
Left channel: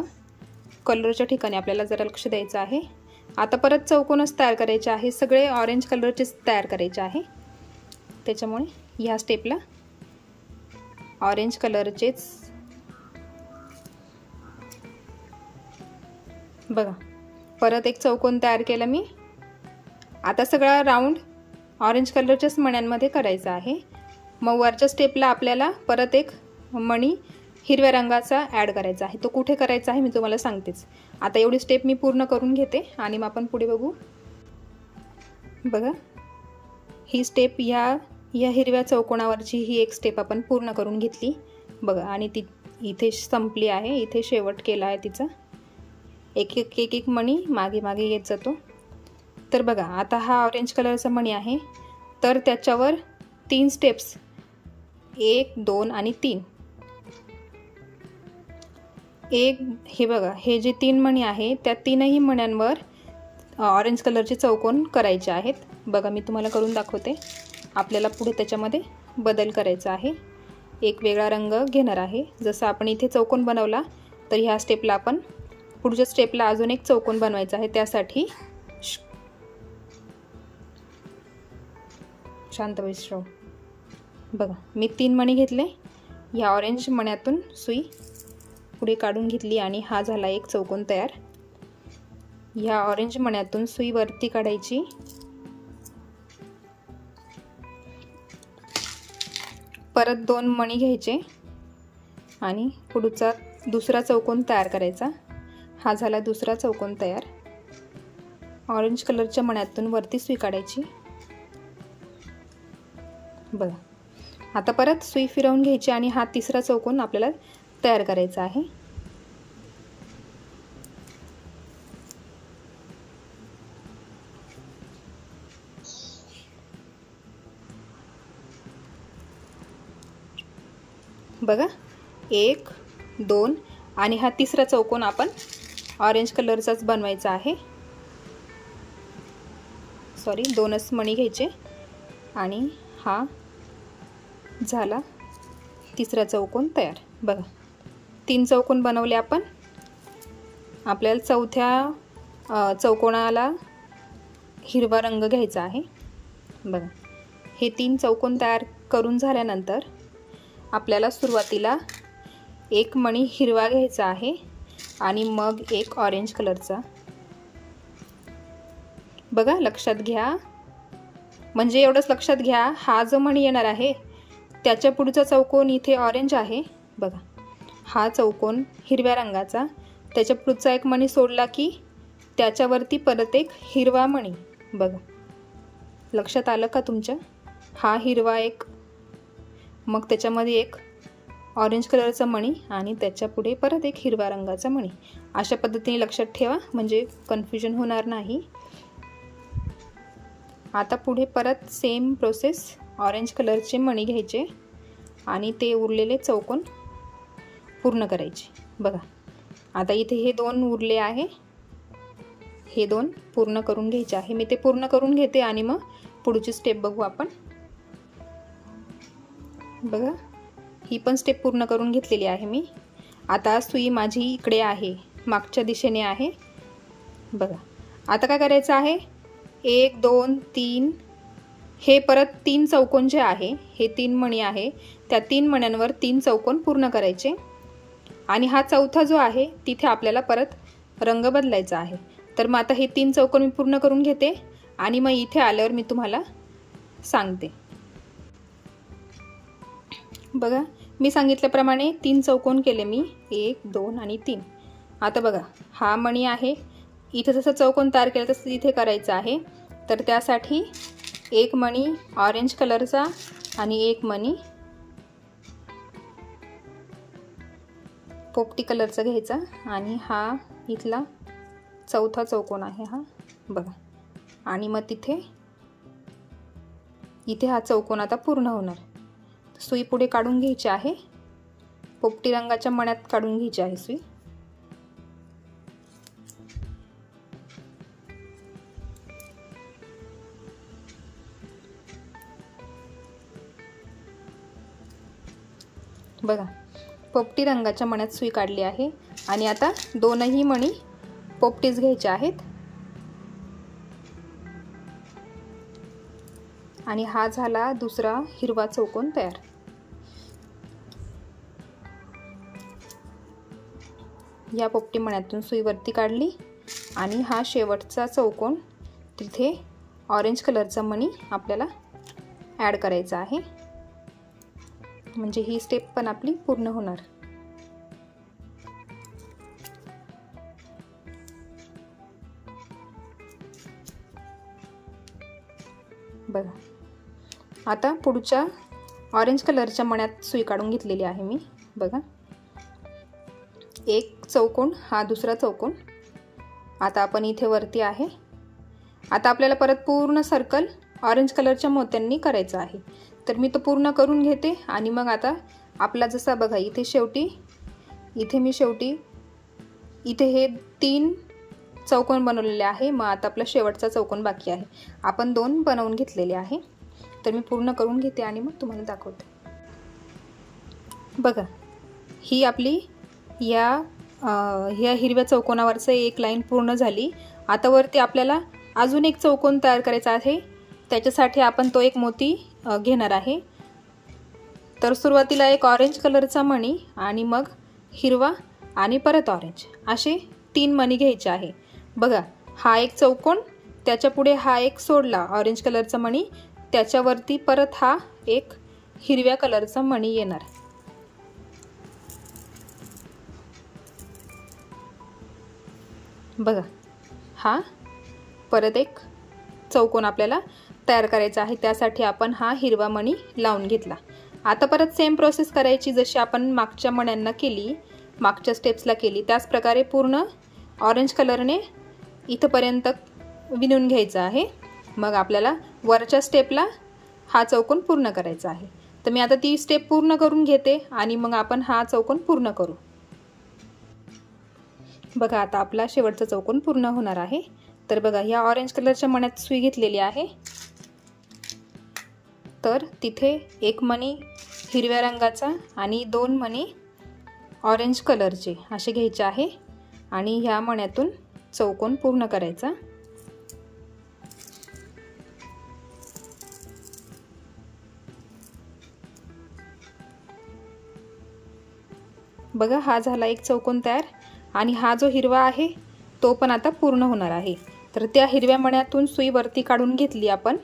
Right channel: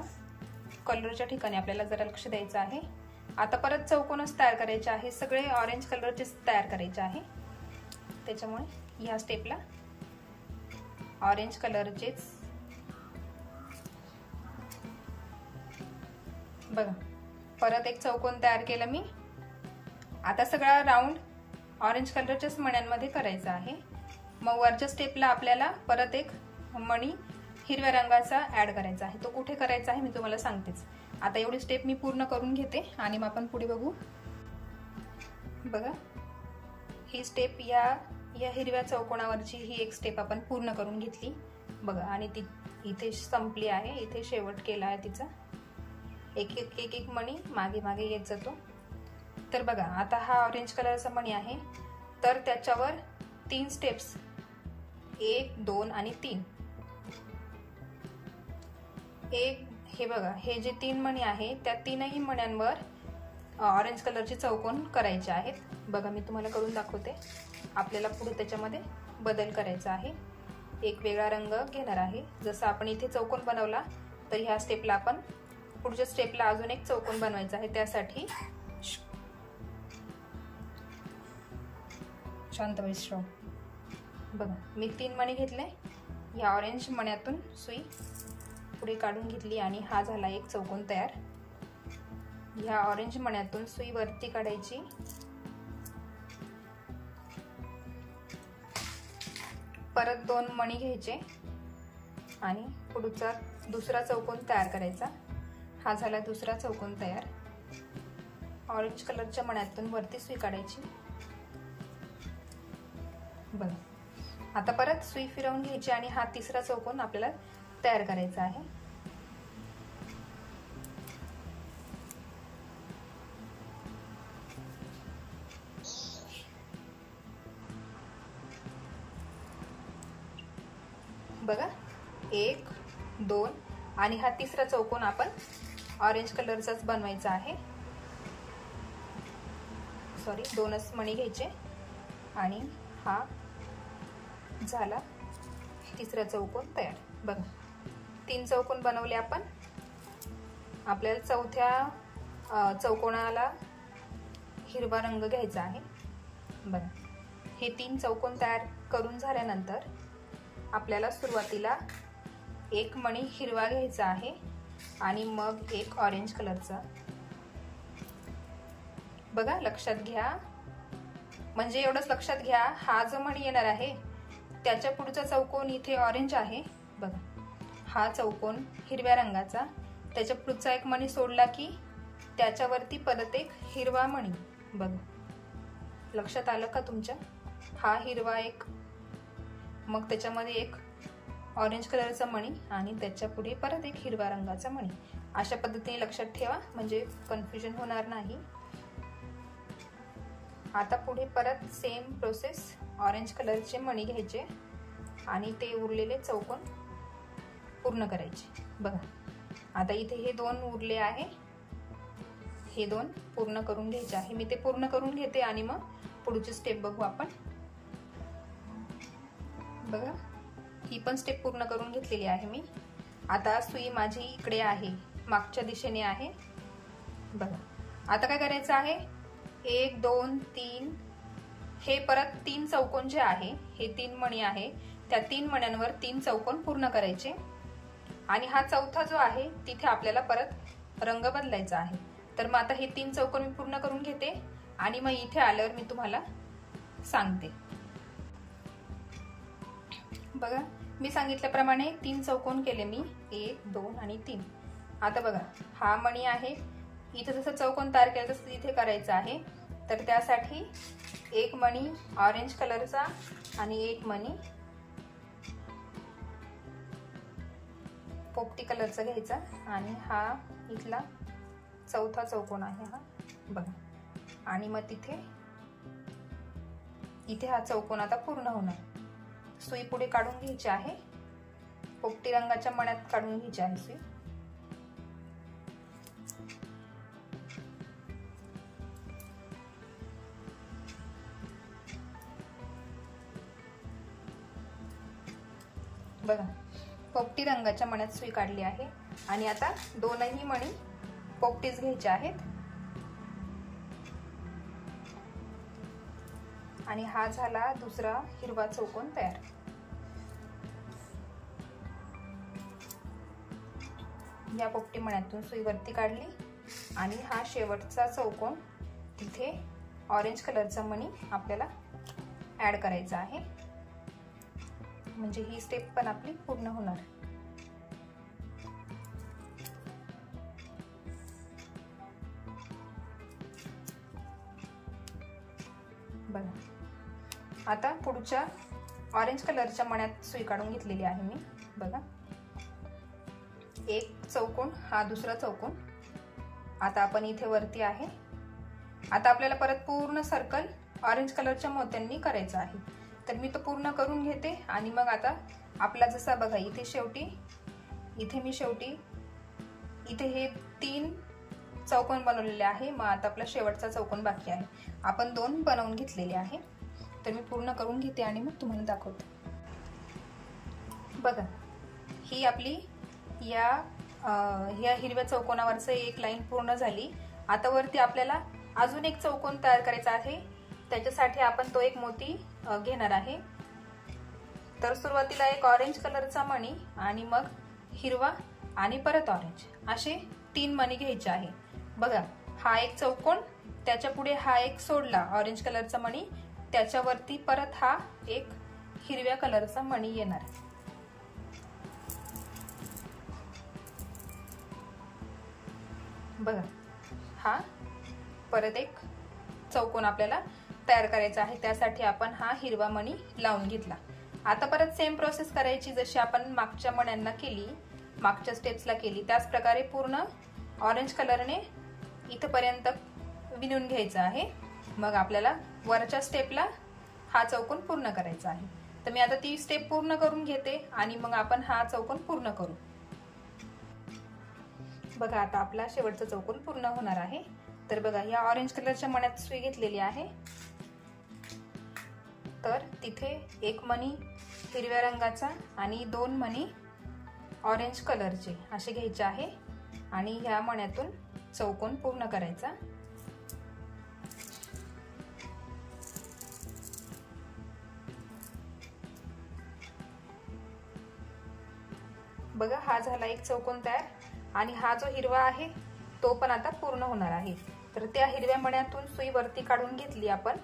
कलरच्या ठिकाणी आपल्याला जरा लक्ष द्यायचं आहे. आता परत चौकोनच तयार करायचे आहे, सगळे ऑरेंज कलरचेच तयार करायचे आहे. त्याच्यामुळे ह्या स्टेपला ऑरेंज कलरचेच बघा परत एक चौकोन तयार केला मी. आता सगळा राऊंड ऑरेंज कलरच्याच मण्यांमध्ये करायचा आहे. मग वरच्या स्टेपला आपल्याला परत एक मणी हिरव्या रंगाचा ॲड करायचा आहे. तो कुठे करायचा आहे मी तुम्हाला सांगतेच. आता एवढी स्टेप मी पूर्ण करून घेते आणि मग आपण पुढे बघू. बघा ही स्टेप या हिरव्या चौकोनावरची ही एक स्टेप आपण पूर्ण करून घेतली. बघा आणि ती इथे संपली आहे, इथे शेवट केला आहे तिचा. एक मणी मागे येत जातो. तर बघा आता हा ऑरेंज कलरचा मणी आहे, तर त्याच्यावर 3 स्टेप्स 1, 2 आणि 3. हे बघा हे जे 3 मणी आहे त्या 3ही मण्यांवर ऑरेंज कलरचे चौकोन करायचे आहेत. बघा मी तुम्हाला करून दाखवते. आपल्याला पुढे त्याच्यामध्ये बदल करायचा आहे, एक वेगळा रंग घेणार आहे. जसं आपण इथे चौकोन बनवला तर ह्या स्टेपला आपण पुढच्या स्टेपला अजून एक चौकोन बनवायचा आहे. त्यासाठी शांत विश्राम. बघा मी 3 मणी घेतले, या ऑरेंज मण्यातून सुई पुढे काढून घेतली आणि हा झाला एक चौकोन तयार. ह्या ऑरेंज मण्यातून सुई वरती काढायची. परत 2 मणी घ्यायचे आणि पुढचा दुसरा चौकोन तयार करायचा. हा झाला दुसरा चौकोन तयार. ऑरेंज कलरच्या मण्यातून वरती सुई काढायची. बघा आता परत सुई फिरवून घ्यायची आणि हा तिसरा चौकोन आपल्याला तयार करायचा आहे. बघा 1, 2 आणि हा तिसरा चौकोन आपण ऑरेंज कलरचाच बनवायचा आहे. सॉरी 2च मणी घ्यायचे आणि हा झाला तिसरा चौकोन तयार. बघा 3 चौकोन बनवले आपण. आपल्याला चौथ्या चौकोनाला हिरवा रंग घ्यायचा आहे. बघा हे 3 चौकोन तयार करून झाल्यानंतर आपल्याला सुरुवातीला एक मणी हिरवा घ्यायचा आहे आणि मग एक ऑरेंज कलरचा. बघा लक्षात घ्या, म्हणजे एवढंच लक्षात घ्या, हा जो मणी येणार आहे त्याच्या पुढचा चौकोन इथे ऑरेंज आहे. बघा हा चौकोन हिरव्या रंगाचा, त्याच्या पुढचा एक मणी सोडला की त्याच्यावरती परत एक हिरवा मणी. बघा लक्षात आलं का तुमच्या? हा हिरवा एक, मग त्याच्यामध्ये एक ऑरेंज कलरचा मणी आणि त्याच्या पुढे परत एक हिरव्या रंगाचा मणी. अशा पद्धतीने लक्षात ठेवा, म्हणजे कन्फ्युजन होणार नाही. आता पुढे परत सेम प्रोसेस, ऑरेंज कलरचे मणी घ्यायचे आणि ते उरलेले चौकोन पूर्ण करायचे. बघा आता इथे हे 2 उरले आहे, हे 2 पूर्ण करून घ्यायचे आहे. मी ते पूर्ण करून घेते आणि मग पुढची स्टेप बघू आपण. बघा ही पण स्टेप पूर्ण करून घेतलेली आहे मी. आता सुई माझी इकडे आहे, मागच्या दिशेने आहे. बघा आता काय करायचं आहे, 1 2 3 हे परत 3 चौकोन जे आहे, हे 3 मणी आहे, त्या 3 मण्यांवर 3 चौकोन पूर्ण करायचे आणि हा चौथा जो आहे तिथे आपल्याला परत रंग बदलायचा आहे। तर मग आता हे 3 चौकोन मी पूर्ण करून घेते आणि मग इथे आल्यावर मी तुम्हाला सांगते। बघा मी सांगितल्याप्रमाणे 3 चौकोन केले मी, 1 2 आणि 3। आता बघा हा मणी आहे, इथे जसं चौकोन तयार केलं तसं इथे करायचं आहे। तर त्यासाठी एक मणी ऑरेंज कलरचा आणि एक मणी पोपटी कलरचा घ्यायचा आणि हा इथला चौथा चौकोन आहे हा बघा, आणि मग इथे हा चौकोन आता पूर्ण होणार। सुई पुढे काढून घ्यायची आहे, पोपटी रंगाच्या मण्यात काढून घ्यायची आहे सुई। बघा पोपटी रंगाच्या मण्यात सुई काढली आहे आणि आता दोनही मणी पोपटीच घ्यायच्या आहेत आणि हा झाला दुसरा हिरवा चौकोन तयार। या पोपटी मण्यातून सुई वरती काढली आणि हा शेवटचा चौकोन तिथे ऑरेंज कलरचा मणी आपल्याला ॲड करायचा आहे, म्हणजे ही स्टेप पण आपली पूर्ण होणार। बघा आता पुढच्या ऑरेंज कलरच्या मण्यात सुई काढून घेतलेली आहे मी। बघा एक चौकोन, हा दुसरा चौकोन, आता आपण इथे वरती आहे। आता आपल्याला परत पूर्ण सर्कल ऑरेंज कलरच्या मोत्यांनी करायचं आहे, तर मी तो पूर्ण करून घेते आणि मग आता आपला जसा बघा इथे शेवटी इथे हे 3 चौकोन बनवलेले आहे। मग आता आपला शेवटचा चौकोन बाकी आहे, आपण 2 बनवून घेतलेले आहे। तर मी पूर्ण करून घेते आणि मग तुम्हाला दाखवते। बघा ही आपली या हिरव्या चौकोनावरचं एक लाईन पूर्ण झाली। आता वरती आपल्याला अजून एक चौकोन तयार करायचा आहे, त्याच्यासाठी आपण तो एक मोती घेणार आहे। तर सुरुवातीला एक ऑरेंज कलरचा मणी आणि मग हिरवा आणि परत ऑरेंज असे 3 मणी घ्यायचे आहे। बघा हा एक चौकोन, त्याच्या पुढे हा एक सोडला ऑरेंज कलरचा मणी, त्याच्यावरती परत हा एक हिरव्या कलरचा मणी येणार। बघा हा परत एक चौकोन आपल्याला तयार करायचा आहे, त्यासाठी आपण हा हिरवा मणी लावून घेतला। आता परत सेम प्रोसेस करायची जशी आपण मागच्या मण्यांना केली, मागच्या स्टेप्सला केली, त्याच प्रकारे पूर्ण ऑरेंज कलरने इथपर्यंत विणून घ्यायचं आहे। मग आपल्याला वरच्या स्टेपला हा चौकोन पूर्ण करायचा आहे। तर मी आता ती स्टेप पूर्ण करून घेते आणि मग आपण हा चौकोन पूर्ण करू। बघा आता आपला शेवटचा चौकोन पूर्ण होणार आहे। तर बघा या ऑरेंज कलरच्या मण्यात सुई घेतलेली आहे, तर तिथे एक मणी हिरव्या रंगाचा आणि 2 मणी ऑरेंज कलरचे असे घ्यायचे आहे आणि ह्या मण्यातून चौकोन पूर्ण करायचा। बघा हा झाला एक चौकोन तयार आणि हा जो हिरवा आहे तो पण आता पूर्ण होणार आहे। तर त्या हिरव्या मण्यातून सुई वरती काढून घेतली आपण।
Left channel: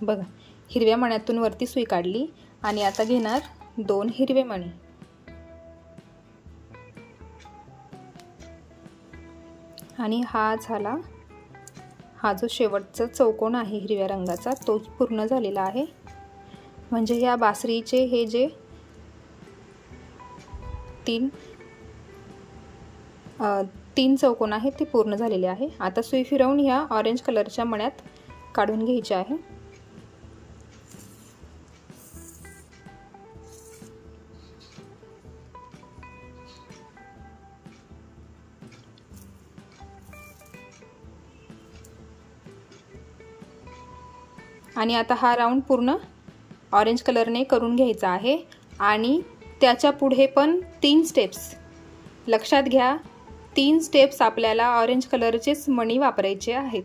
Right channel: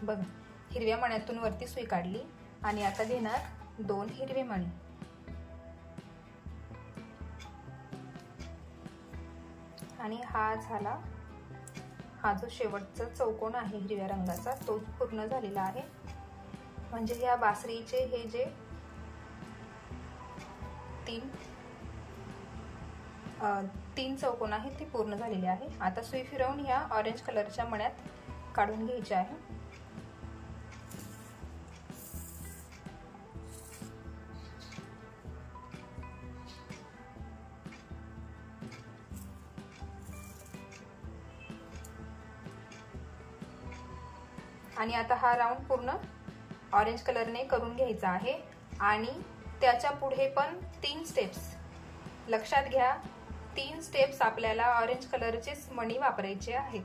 बघा हिरव्या मण्यातून वरती सुई काढली आणि आता घेणार 2 हिरवे मणी आणि हा झाला, हा जो शेवटचा चौकोन आहे हिरव्या रंगाचा तो पूर्ण झालेला आहे। म्हणजे या बासरीचे हे जे 3 चौकोन आहेत ते पूर्ण झालेले आहे। आता सुई फिरवून ह्या ऑरेंज कलरच्या मण्यात काढून घ्यायचे आहे। आणि आता हा राऊंड पूर्ण ऑरेंज कलरने करून घ्यायचा आहे आणि त्याच्या पुढे पण 3 स्टेप्स लक्षात घ्या। 3 स्टेप्स आपल्याला ऑरेंज कलरचेच मणी वापरायचे आहेत.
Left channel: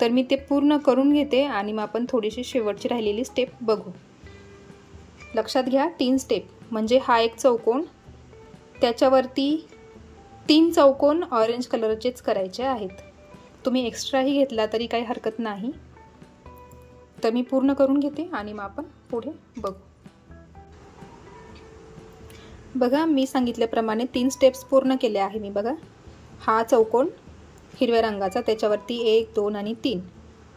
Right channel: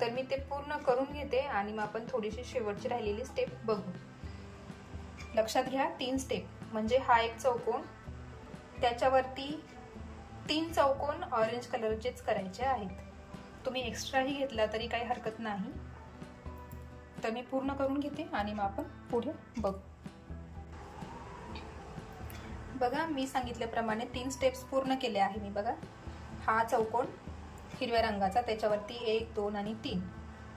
तर मी ते पूर्ण करून घेते आणि मग आपण थोडीशी शेवटची राहिलेली स्टेप बघू. लक्षात घ्या 3 स्टेप म्हणजे हा एक चौकोन, त्याच्यावरती 3 चौकोन ऑरेंज कलरचेच करायचे आहेत. तुम्ही एक्स्ट्राही घेतला तरी काही हरकत नाही. तर मी पूर्ण करून घेते आणि मग आपण पुढे बघू. बघा मी सांगितल्याप्रमाणे 3 स्टेप्स पूर्ण केले आहे मी. बघा हा चौकोन हिरव्या रंगाचा, त्याच्यावरती 1 2 आणि 3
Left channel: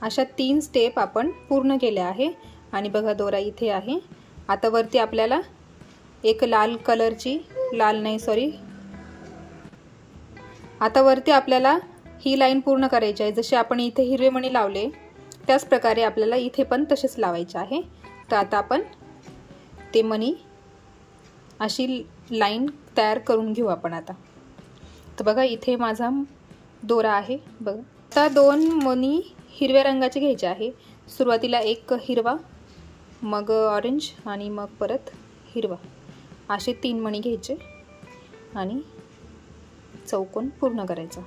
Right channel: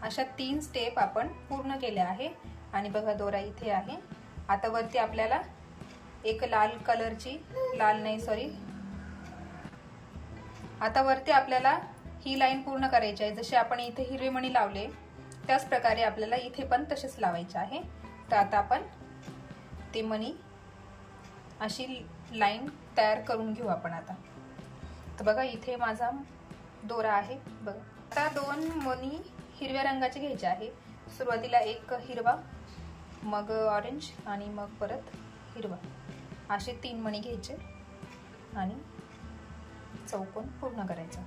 अशा 3 स्टेप आपण पूर्ण केल्या आहे. आणि बघा दोरा इथे आहे. आता वरती आपल्याला एक आता वरती आपल्याला ही लाईन पूर्ण करायची आहे. जसे आपण इथे हिरवे मणी लावले त्याच प्रकारे आपल्याला इथे पण तसेच लावायचे आहे. तर आता आपण ते मणी अशी लाईन तयार करून घेऊ आपण आता. तर बघा इथे माझा दोरा आहे. बघा आता 2 मणी हिरव्या रंगाचे घ्यायचे आहे. सुरुवातीला एक हिरवा, मग ऑरेंज आणि मग परत हिरवा, असे 3 मणी घ्यायचे आणि चौकोन पूर्ण करायचा.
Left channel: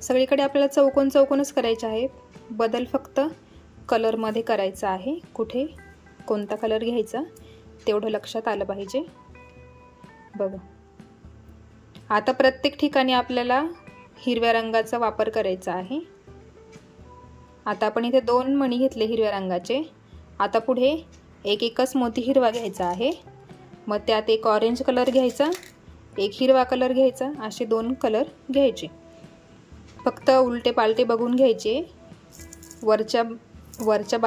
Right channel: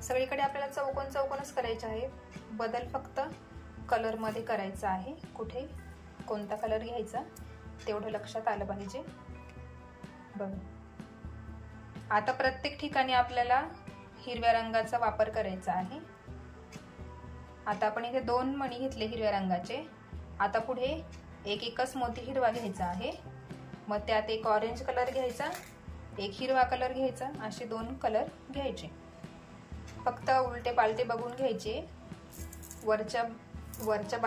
सगळीकडे आपल्याला चौकोन चौकोनच करायचे आहे. बदल फक्त कलरमध्ये करायचा आहे. कुठे कोणता कलर घ्यायचा तेवढं लक्षात आलं पाहिजे. बघा आता प्रत्येक ठिकाणी आपल्याला हिरव्या रंगाचा वापर करायचा आहे. आता आपण इथे 2 मणी घेतले हिरव्या रंगाचे. आता पुढे एकच मोती हिरवा घ्यायचा आहे. मग त्यात एक ऑरेंज कलर घ्यायचा, एक हिरवा कलर घ्यायचा, असे 2 कलर घ्यायचे. फक्त उलटे पालटे बघून घ्यायचे. वरच्या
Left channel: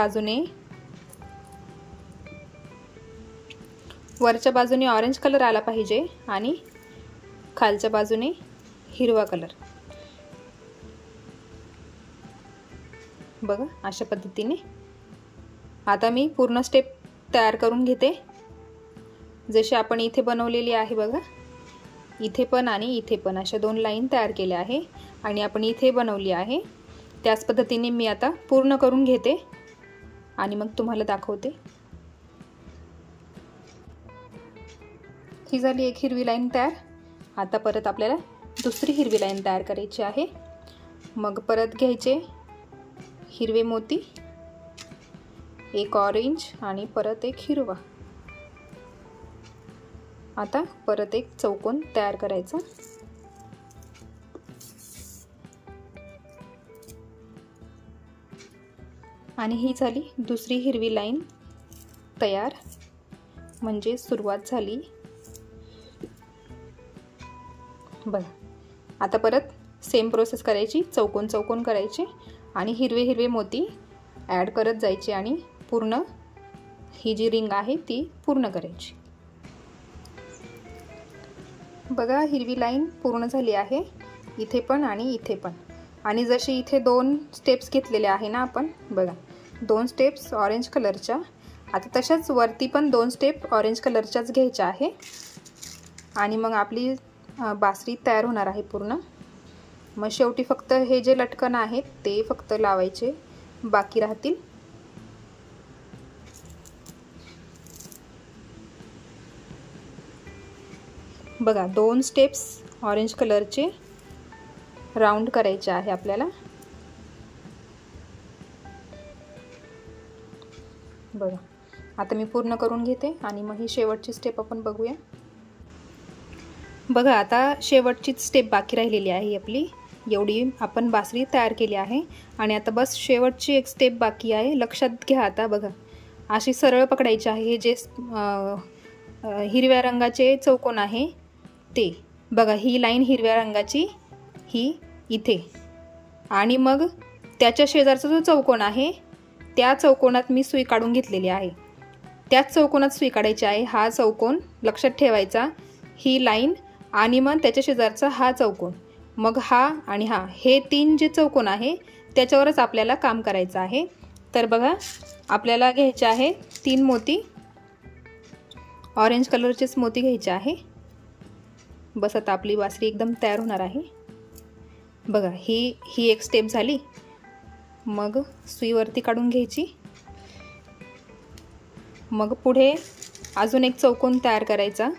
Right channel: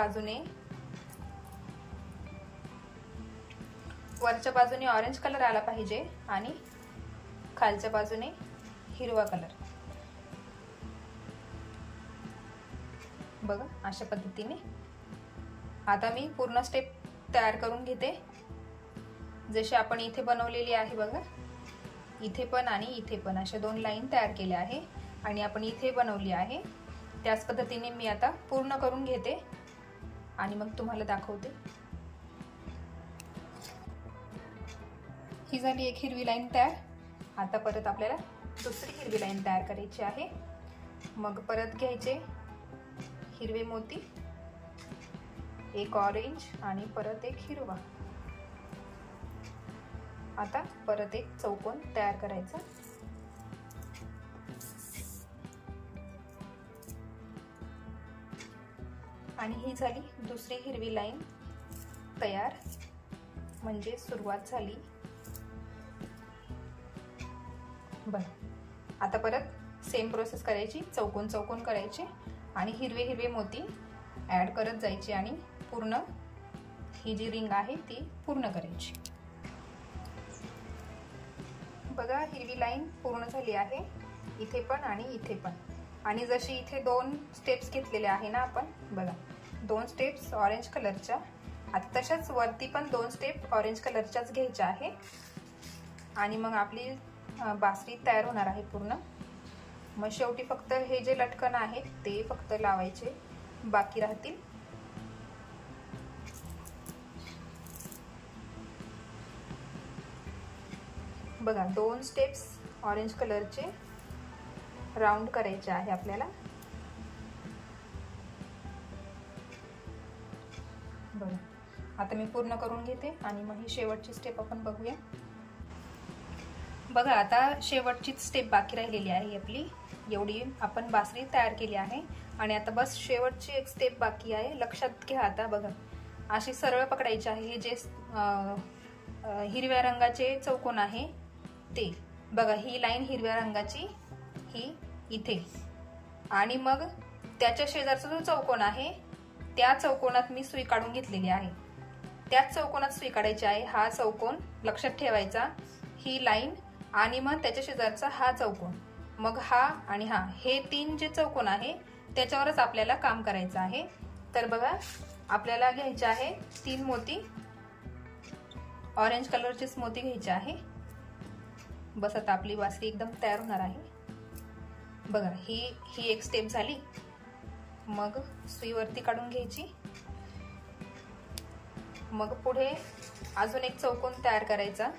बाजूने ऑरेंज कलर आला पाहिजे आणि खालच्या बाजूने हिरवा कलर. बघा अशा पद्धतीने आता मी पूर्ण स्टेप तयार करून घेते. जशी आपण इथे बनवलेली आहे बघा, इथे पण आणि इथे पण अशा 2 लाईन तयार केल्या आहे आणि आपण इथे बनवली आहे. त्याच पद्धतीने मी आता पूर्ण करून घेते आणि मग तुम्हाला दाखवते. ही झाली एक हिरवी लाईन तयार. आता परत आपल्याला दुसरी हिरवी लाईन तयार करायची आहे. मग परत घ्यायचे हिरवे मोती, एक ऑरेंज आणि परत एक हिरवा. आता परत एक चौकोन तयार करायचा. आणि ही झाली दुसरी हिरवी लाईन तयार, म्हणजे सुरुवात झाली. बघा आता परत सेम प्रोसेस करायची. चौकोन चौकोन करायचे आणि हिरवे हिरवे मोती ॲड करत जायचे आणि पूर्ण ही जी रिंग आहे ती पूर्ण करायची. बघा हिरवी लाईन पूर्ण झाली आहे, इथे पण आणि इथे पण. आणि जशी इथे 2 स्टेप्स घेतलेल्या आहे ना आपण, बघा 2 स्टेप्स ऑरेंज कलरच्या. आता तशाच वरती पण 2 स्टेप ऑरेंज कलरच्याच घ्यायच्या आहे आणि मग आपली बासरी तयार होणार आहे पूर्ण. मग शेवटी फक्त हे जे लटकन आहेत ते फक्त लावायचे बाकी राहतील. बघा 2 स्टेप्स ऑरेंज कलरचे राउंड करायचे आहे आपल्याला. बघा आता मी पूर्ण करून घेते आणि मग ही शेवटची स्टेप आपण बघूया. बघा आता शेवटचीच स्टेप बाकी राहिलेली आहे आपली. एवढी आपण बासरी तयार केली आहे आणि आता बस शेवटची एक स्टेप बाकी आहे. लक्षात घ्या आता. बघा अशी सरळ पकडायची आहे. हे जे हिरव्या रंगाचे चौकोन आहे ते बघा, ही लाईन हिरव्या रंगाची ही इथे आणि मग त्याच्या शेजारचा जो चौकोन आहे त्या चौकोनात मी सुई काढून घेतलेली आहे. त्याच चौकोनात सुई काढायची आहे. हा चौकोन लक्षात ठेवायचा, ही लाईन आणि मग त्याच्या शेजारचा हा चौकोन, मग हा आणि हा, हे 3 जे चौकोन आहे त्याच्यावरच आपल्याला काम करायचं आहे. तर बघा आपल्याला घ्यायचे आहे 3 मोती, ऑरेंज कलरचेच मोती घ्यायचे आहे. बस आता आपली बासरी एकदम तयार होणार आहे. बघा ही एक स्टेप झाली. मग सुईवरती काढून घ्यायची. मग पुढे अजून एक चौकोन तयार करायचा।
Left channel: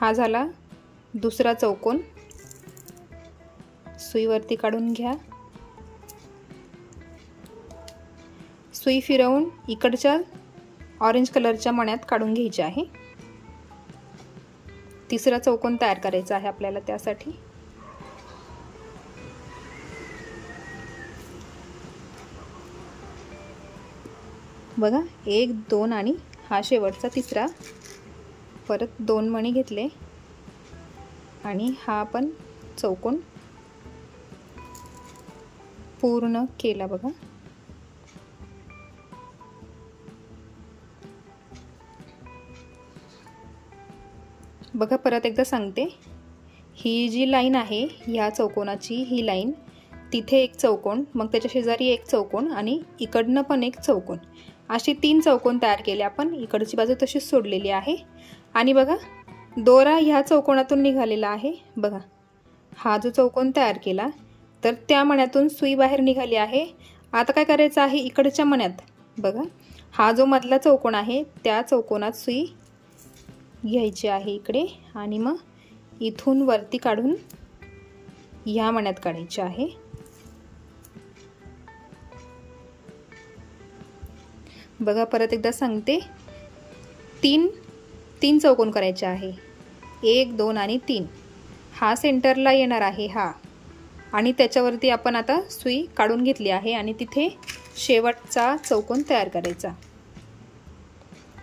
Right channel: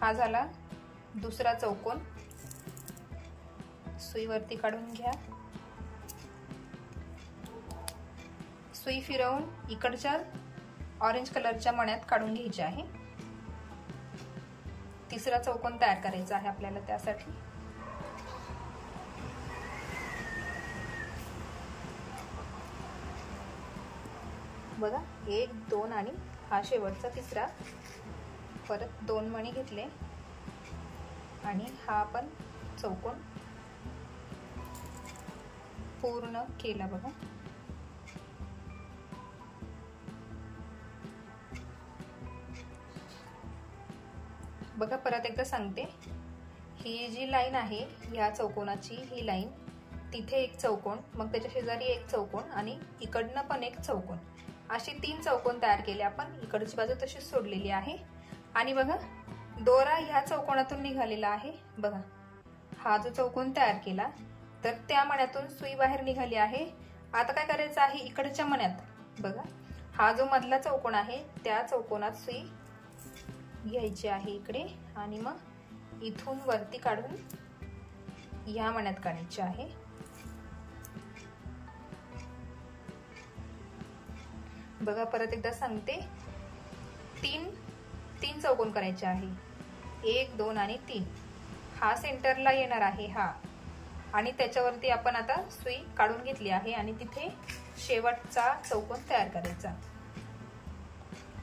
हा झाला दुसरा चौकोन। सुईवरती काढून घ्या। सुई फिरवून इकडच्या ऑरेंज कलरच्या मण्यात काढून घ्यायची आहे। तिसरा चौकोन तयार करायचा आहे आपल्याला त्यासाठी। बघा 1 2 आणि हा शेवटचा तिसरा। परत 2 मणी घेतले आणि हा आपण चौकोन पूर्ण केला। बघा बघा परत एकदा सांगते, ही जी लाईन आहे या चौकोनाची, ही लाईन तिथे एक चौकोन, मग त्याच्या शेजारी एक चौकोन आणि इकडनं पण एक चौकोन, असे 3 चौकोन तयार केले आपण। इकडची बाजू तशीच सोडलेली आहे आणि बघा दोरा ह्या चौकोनातून निघालेला आहे। बघा हा जो चौकोन तयार केला तर त्या मण्यातून सुई बाहेर निघाली आहे। आता काय करायचं आहे, इकडच्या मण्यात बघा हा जो मधला चौकोन आहे त्या चौकोनात सुई घ्यायची आहे इकडे आणि मग इथून वरती काढून ह्या मण्यात काढायची आहे। बघा परत एकदा सांगते, 3 चौकोन करायचे आहे, 1 2 आणि 3। हा सेंटरला येणार आहे हा, आणि त्याच्यावरती आपण आता सुई काढून घेतली आहे आणि तिथे शेवटचा चौकोन तयार करायचा,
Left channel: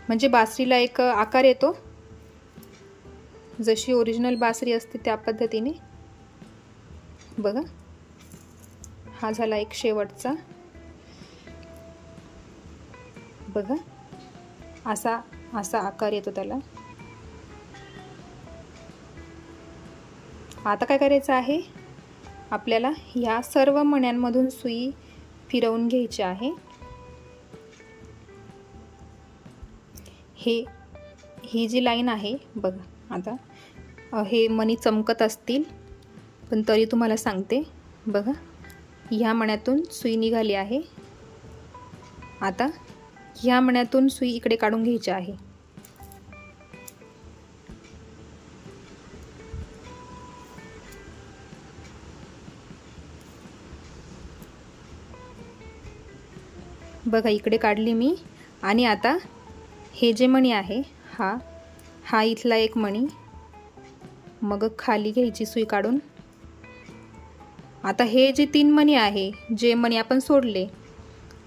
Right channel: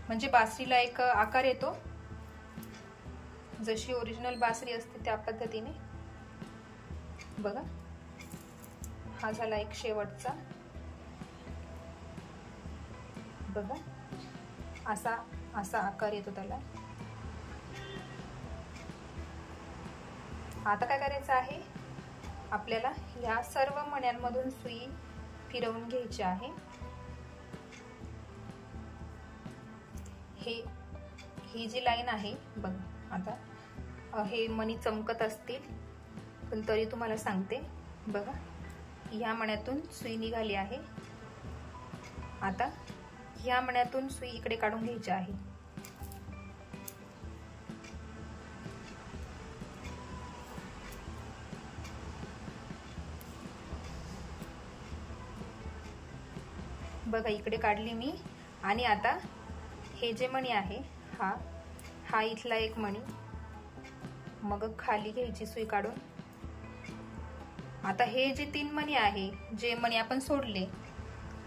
म्हणजे बासरीला एक आकार येतो, जशी ओरिजिनल बासरी असते त्या पद्धतीने। बघा हा झाला एक शेवटचा। बघा असा आकार येतो त्याला। आता काय करायचं आहे, आपल्याला या सर्व मण्यांमधून सुई फिरवून घ्यायची आहे। ही जी लाईन आहे बघा, आता हे मणी चमकत असतील पण तरी तुम्हाला सांगते, बघा ह्या मण्यातून सुई निघाली आहे। आता ह्या मण्यातून सुई इकडे काढून घ्यायची आहे। बघा इकडे काढली मी आणि आता हे जे मणी आहे हा इथला एक मणी, मग खाली घ्यायची सुई काढून। आता हे जे 3 मणी आहे, जे मणी आपण सोडले,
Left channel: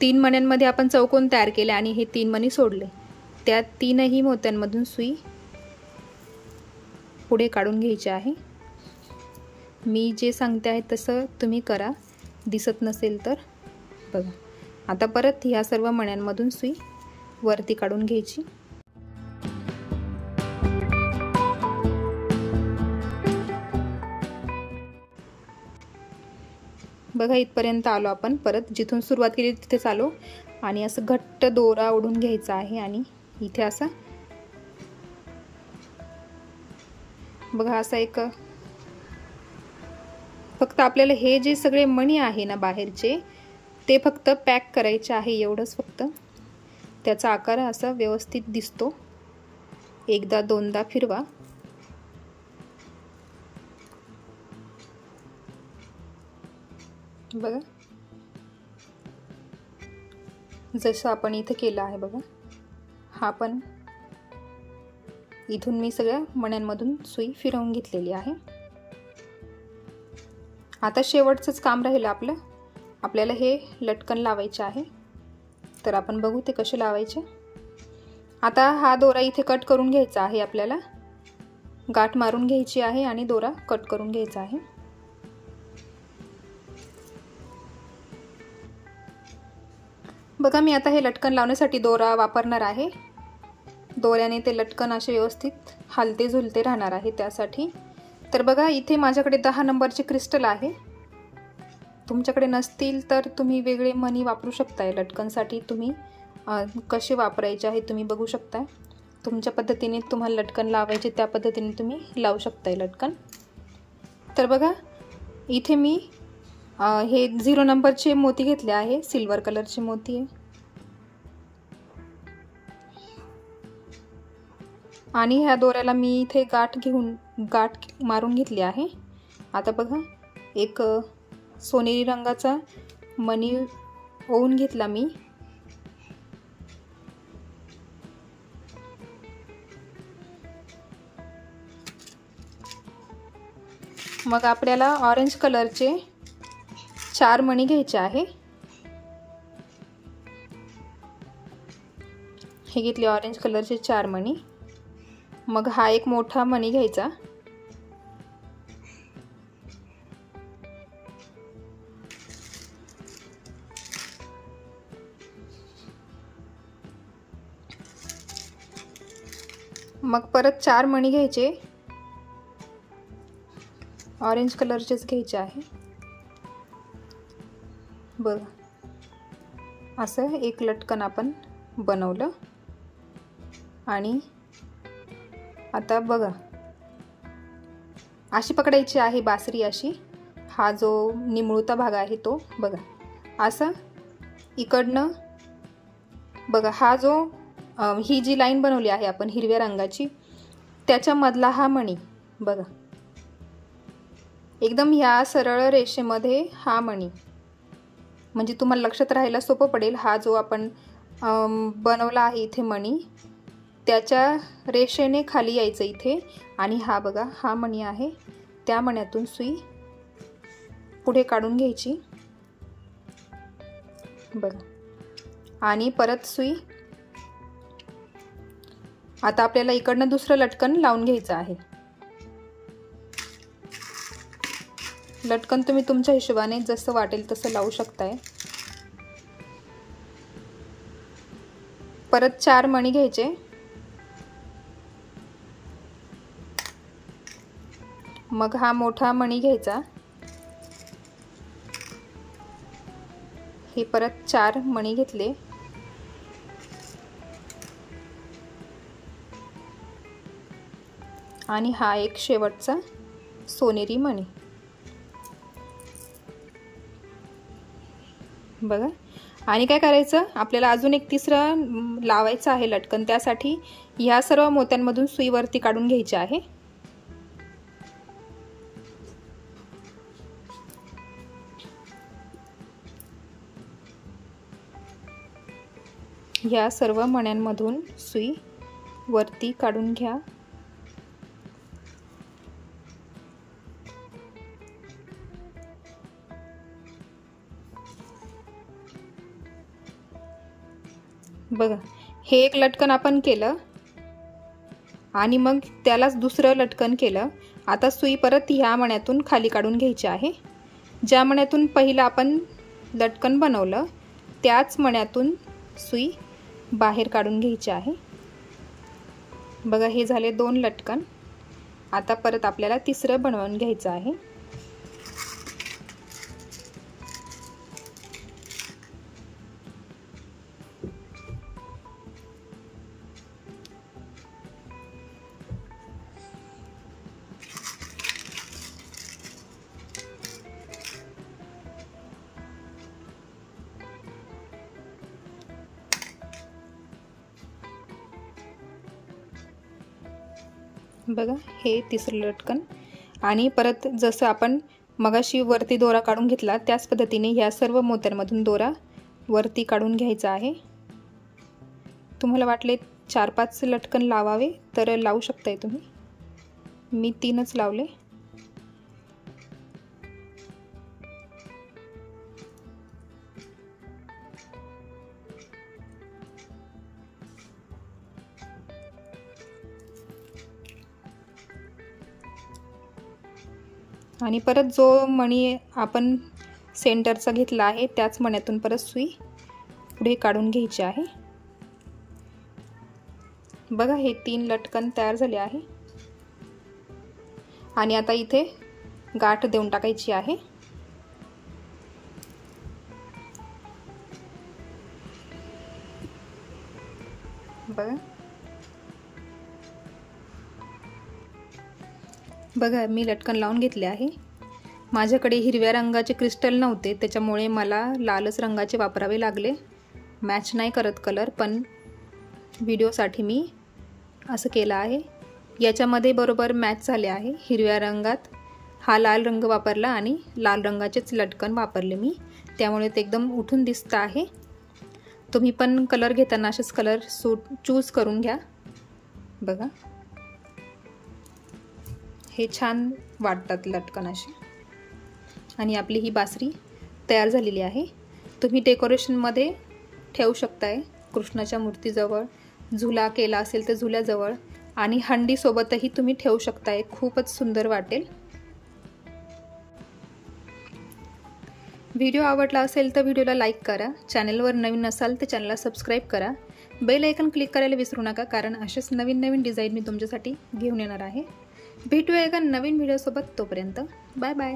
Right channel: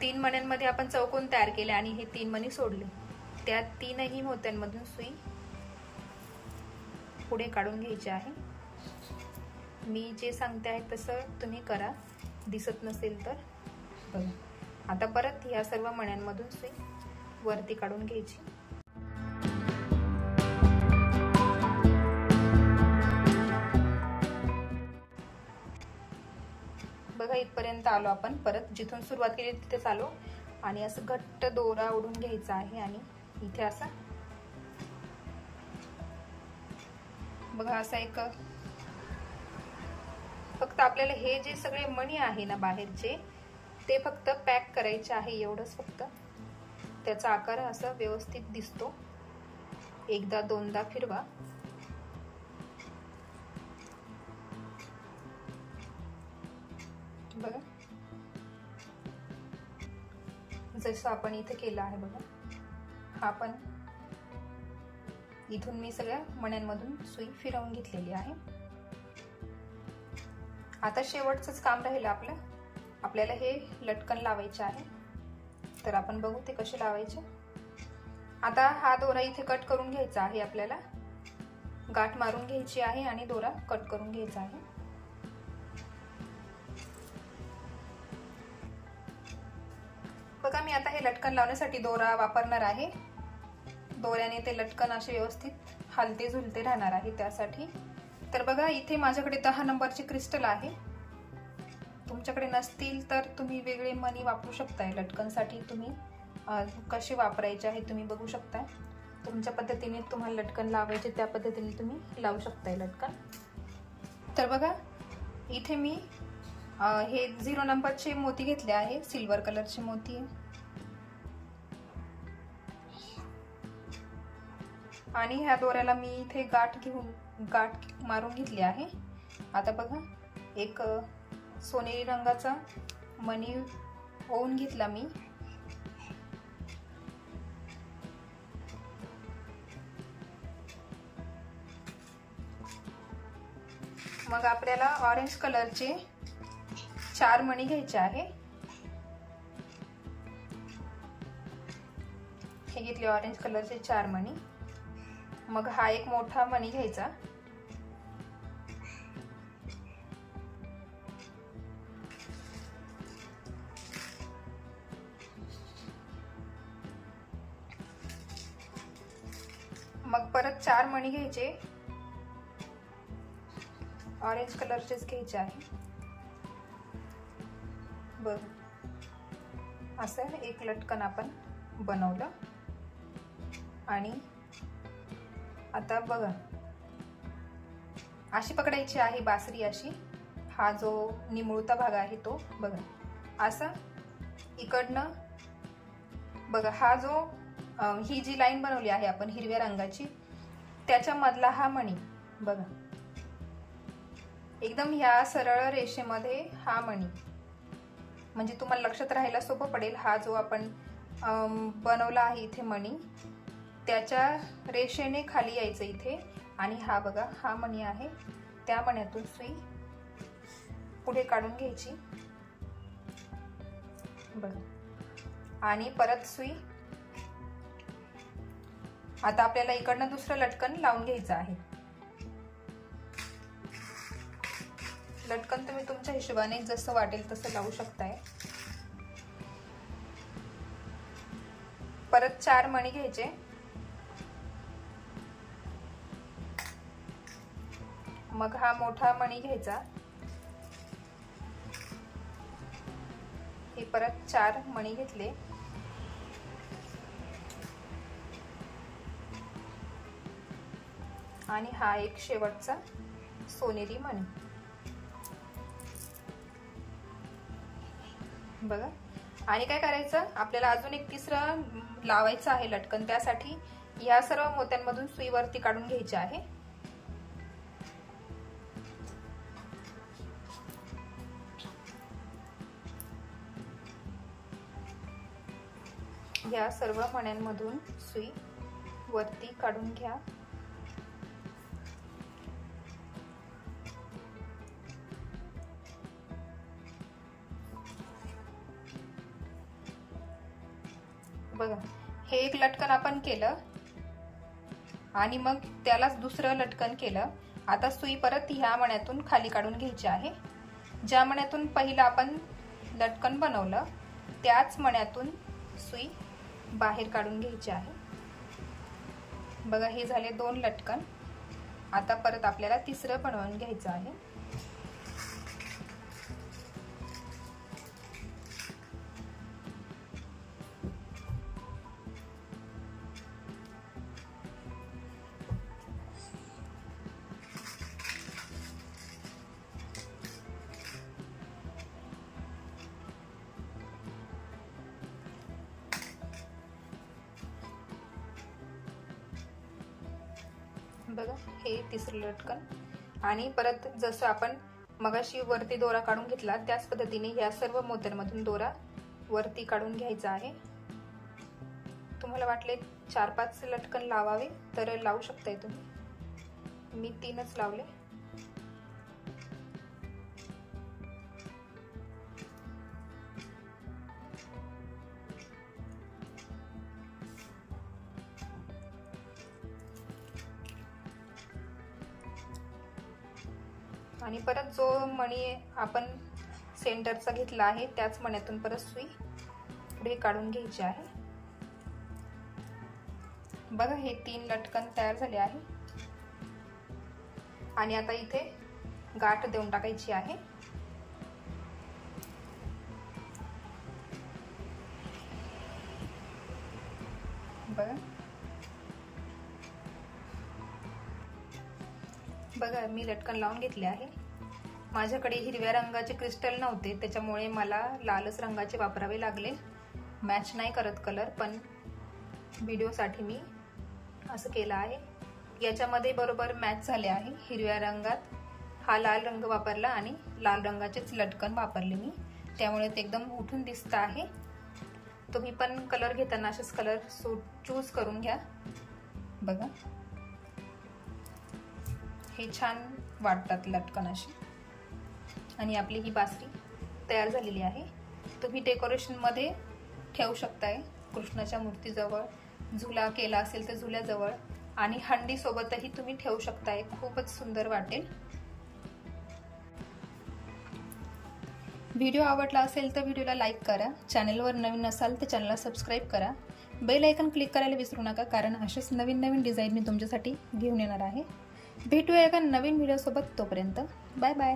3 मण्यांमध्ये आपण चौकोन तयार केले आणि हे 3 मणी सोडले, त्या 3ही मोत्यांमधून सुई पुढे काढून घ्यायची आहे। मी जे सांगते आहे तसं तुम्ही करा, दिसत नसेल तर बघा। आता परत ह्या सर्व मण्यांमधून सुई वरती काढून घ्यायची। बघा इथपर्यंत आलो आपण, परत जिथून सुरुवात केली तिथेच आलो आणि असं घट्ट दोरा ओढून घ्यायचा आहे आणि इथे असं बघा असा एक, फक्त आपल्याला हे जे सगळे मणी आहे ना बाहेरचे, ते फक्त पॅक करायचे आहे, एवढंच फक्त। त्याचा आकार असा व्यवस्थित दिसतो। एकदा दोनदा फिरवा। बघा जसं आपण इथे केलं आहे बघा, हा पण इथून मी सगळ्या मण्यांमधून सुई फिरवून घेतलेली आहे। आता शेवटचंच काम राहिलं आपलं, आपल्याला हे लटकन लावायचे आहे, तर आपण बघू ते कसे लावायचे। आता हा दोरा इथे कट करून घ्यायचा आहे, आपल्याला गाठ मारून घ्यायची आहे आणि दोरा कट करून घ्यायचा आहे। बघा मी आता हे लटकन लावण्यासाठी दोरा वापरणार आहे। दोऱ्याने ते लटकन असे व्यवस्थित हलते झुलते राहणार आहे त्यासाठी। तर बघा इथे माझ्याकडे 10 नंबरचे क्रिस्टल आहे, तुमच्याकडे नसतील तर तुम्ही वेगळे मणी वापरू शकताय। लटकनसाठी तुम्ही कसे वापरायचे आहे तुम्ही बघू शकता, तुमच्या पद्धतीने तुम्हाला लटकन लावायचे त्या पद्धतीने तुम्ही लावू शकताय लटकन। तर बघा इथे मी हे 0 नंबरचे मोती घेतले आहे, सिल्वर कलरचे मोती आहे। आणि ह्या दोऱ्याला मी इथे गाठ मारून घेतली आहे। आता बघा एक सोनेरी रंगाचा मणी ओवून घेतला मी। मग आपल्याला ऑरेंज कलरचे 4 मणी घ्यायचे आहे। हे घेतले ऑरेंज कलरचे 4 मणी। मग हा एक मोठा मणी घ्यायचा, मग परत 4 मणी घ्यायचे, ऑरेंज कलरचेच घ्यायचे आहे। बघ असं एक लटकन आपण बनवलं। आणि आता बघा अशी पकडायची आहे बासरी अशी। हा जो निमुळता भाग आहे तो बघा असं इकडनं बघा, हा जो ही जी लाईन बनवली आहे आपण हिरव्या रंगाची त्याच्या मधला हा मणी बघा, एकदम ह्या सरळ रेषेमध्ये हा मणी, म्हणजे तुम्हाला लक्षात राहायला सोपं पडेल। हा जो आपण बनवला आहे इथे मणी त्याच्या रेषेने खाली यायचं इथे, आणि हा बघा हा मणी आहे, त्या मण्यातून सुई पुढे काढून घ्यायची बघ, आणि परत सुई। आता आपल्याला इकडनं दुसरं लटकन लावून घ्यायचं आहे। लटकन तुम्ही तुमच्या हिशोबाने जसं वाटेल तसं लावू शकताय। परत 4 मणी घ्यायचे, मग हा मोठा मणी घ्यायचा, हे परत 4 मणी घेतले, आणि हा एक शेवटचा सोनेरी मणी बघा। आणि काय करायचं आपल्याला अजून एक तिसरं लावायचं आहे लटकन, त्यासाठी ह्या सर्व मोत्यांमधून सुई वरती काढून घ्यायची आहे। ह्या सर्व मण्यांमधून सुई वरती काढून घ्या। बघा हे एक लटकन आपण केलं आणि मग त्यालाच दुसरं लटकन केलं। आता सुई परत ह्या मण्यातून खाली काढून घ्यायची आहे। ज्या मण्यातून पहिलं आपण लटकन बनवलं त्याच मण्यातून सुई बाहेर काढून घ्यायची आहे। बघा हे झाले 2 लटकन। आता परत आपल्याला तिसरं बनवून घ्यायचं आहे। बघा हे तिसरं लटकन, आणि परत जसं आपण मगाशी वरती दोरा काढून घेतला त्याच पद्धतीने ह्या सर्व मोत्यांमधून दोरा वरती काढून घ्यायचा आहे। तुम्हाला वाटले 4-5 लटकन लावावे तर लावू शकताय तुम्ही, मी 3च लावले। आणि परत जो मणी आपण सेंटरचा घेतला आहे त्याच मण्यातून परत सुई पुढे काढून घ्यायची आहे। बघा हे 3 लटकन तयार झाले आहे। आणि आता इथे गाठ देऊन टाकायची आहे। बघा मी लटकन लावून घेतले आहे। माझ्याकडे हिरव्या रंगाचे क्रिस्टल नव्हते त्याच्यामुळे मला लालच रंगाचे वापरावे लागले। मॅच नाही करत कलर, पण व्हिडिओसाठी मी असं केलं आहे. याच्यामध्ये बरोबर मॅच झाले आहे. हिरव्या रंगात हा लाल रंग वापरला आणि लाल रंगाचेच लटकन वापरले मी, त्यामुळे ते एकदम उठून दिसतं आहे. तुम्ही पण कलर घेताना असेच कलर चूज करून घ्या. बघा हे छान वाटतात लटकन अशी. आणि आपली ही बासरी तयार झालेली आहे. तुम्ही डेकोरेशनमध्ये ठेवू शकताय, कृष्णाच्या मूर्तीजवळ, झुला केला असेल तर झुल्याजवळ, आणि हंडीसोबतही तुम्ही ठेवू शकताय. खूपच सुंदर वाटेल. व्हिडिओ आवडला असेल तर व्हिडिओला लाईक करा. चॅनलवर नवीन असाल तर चॅनलला सबस्क्राईब करा. बेल आयकन क्लिक करायला विसरू नका, कारण असेच नवीन नवीन डिझाईन मी तुमच्यासाठी घेऊन येणार आहे. भेटूया एका नवीन व्हिडिओसोबत. तोपर्यंत बाय बाय.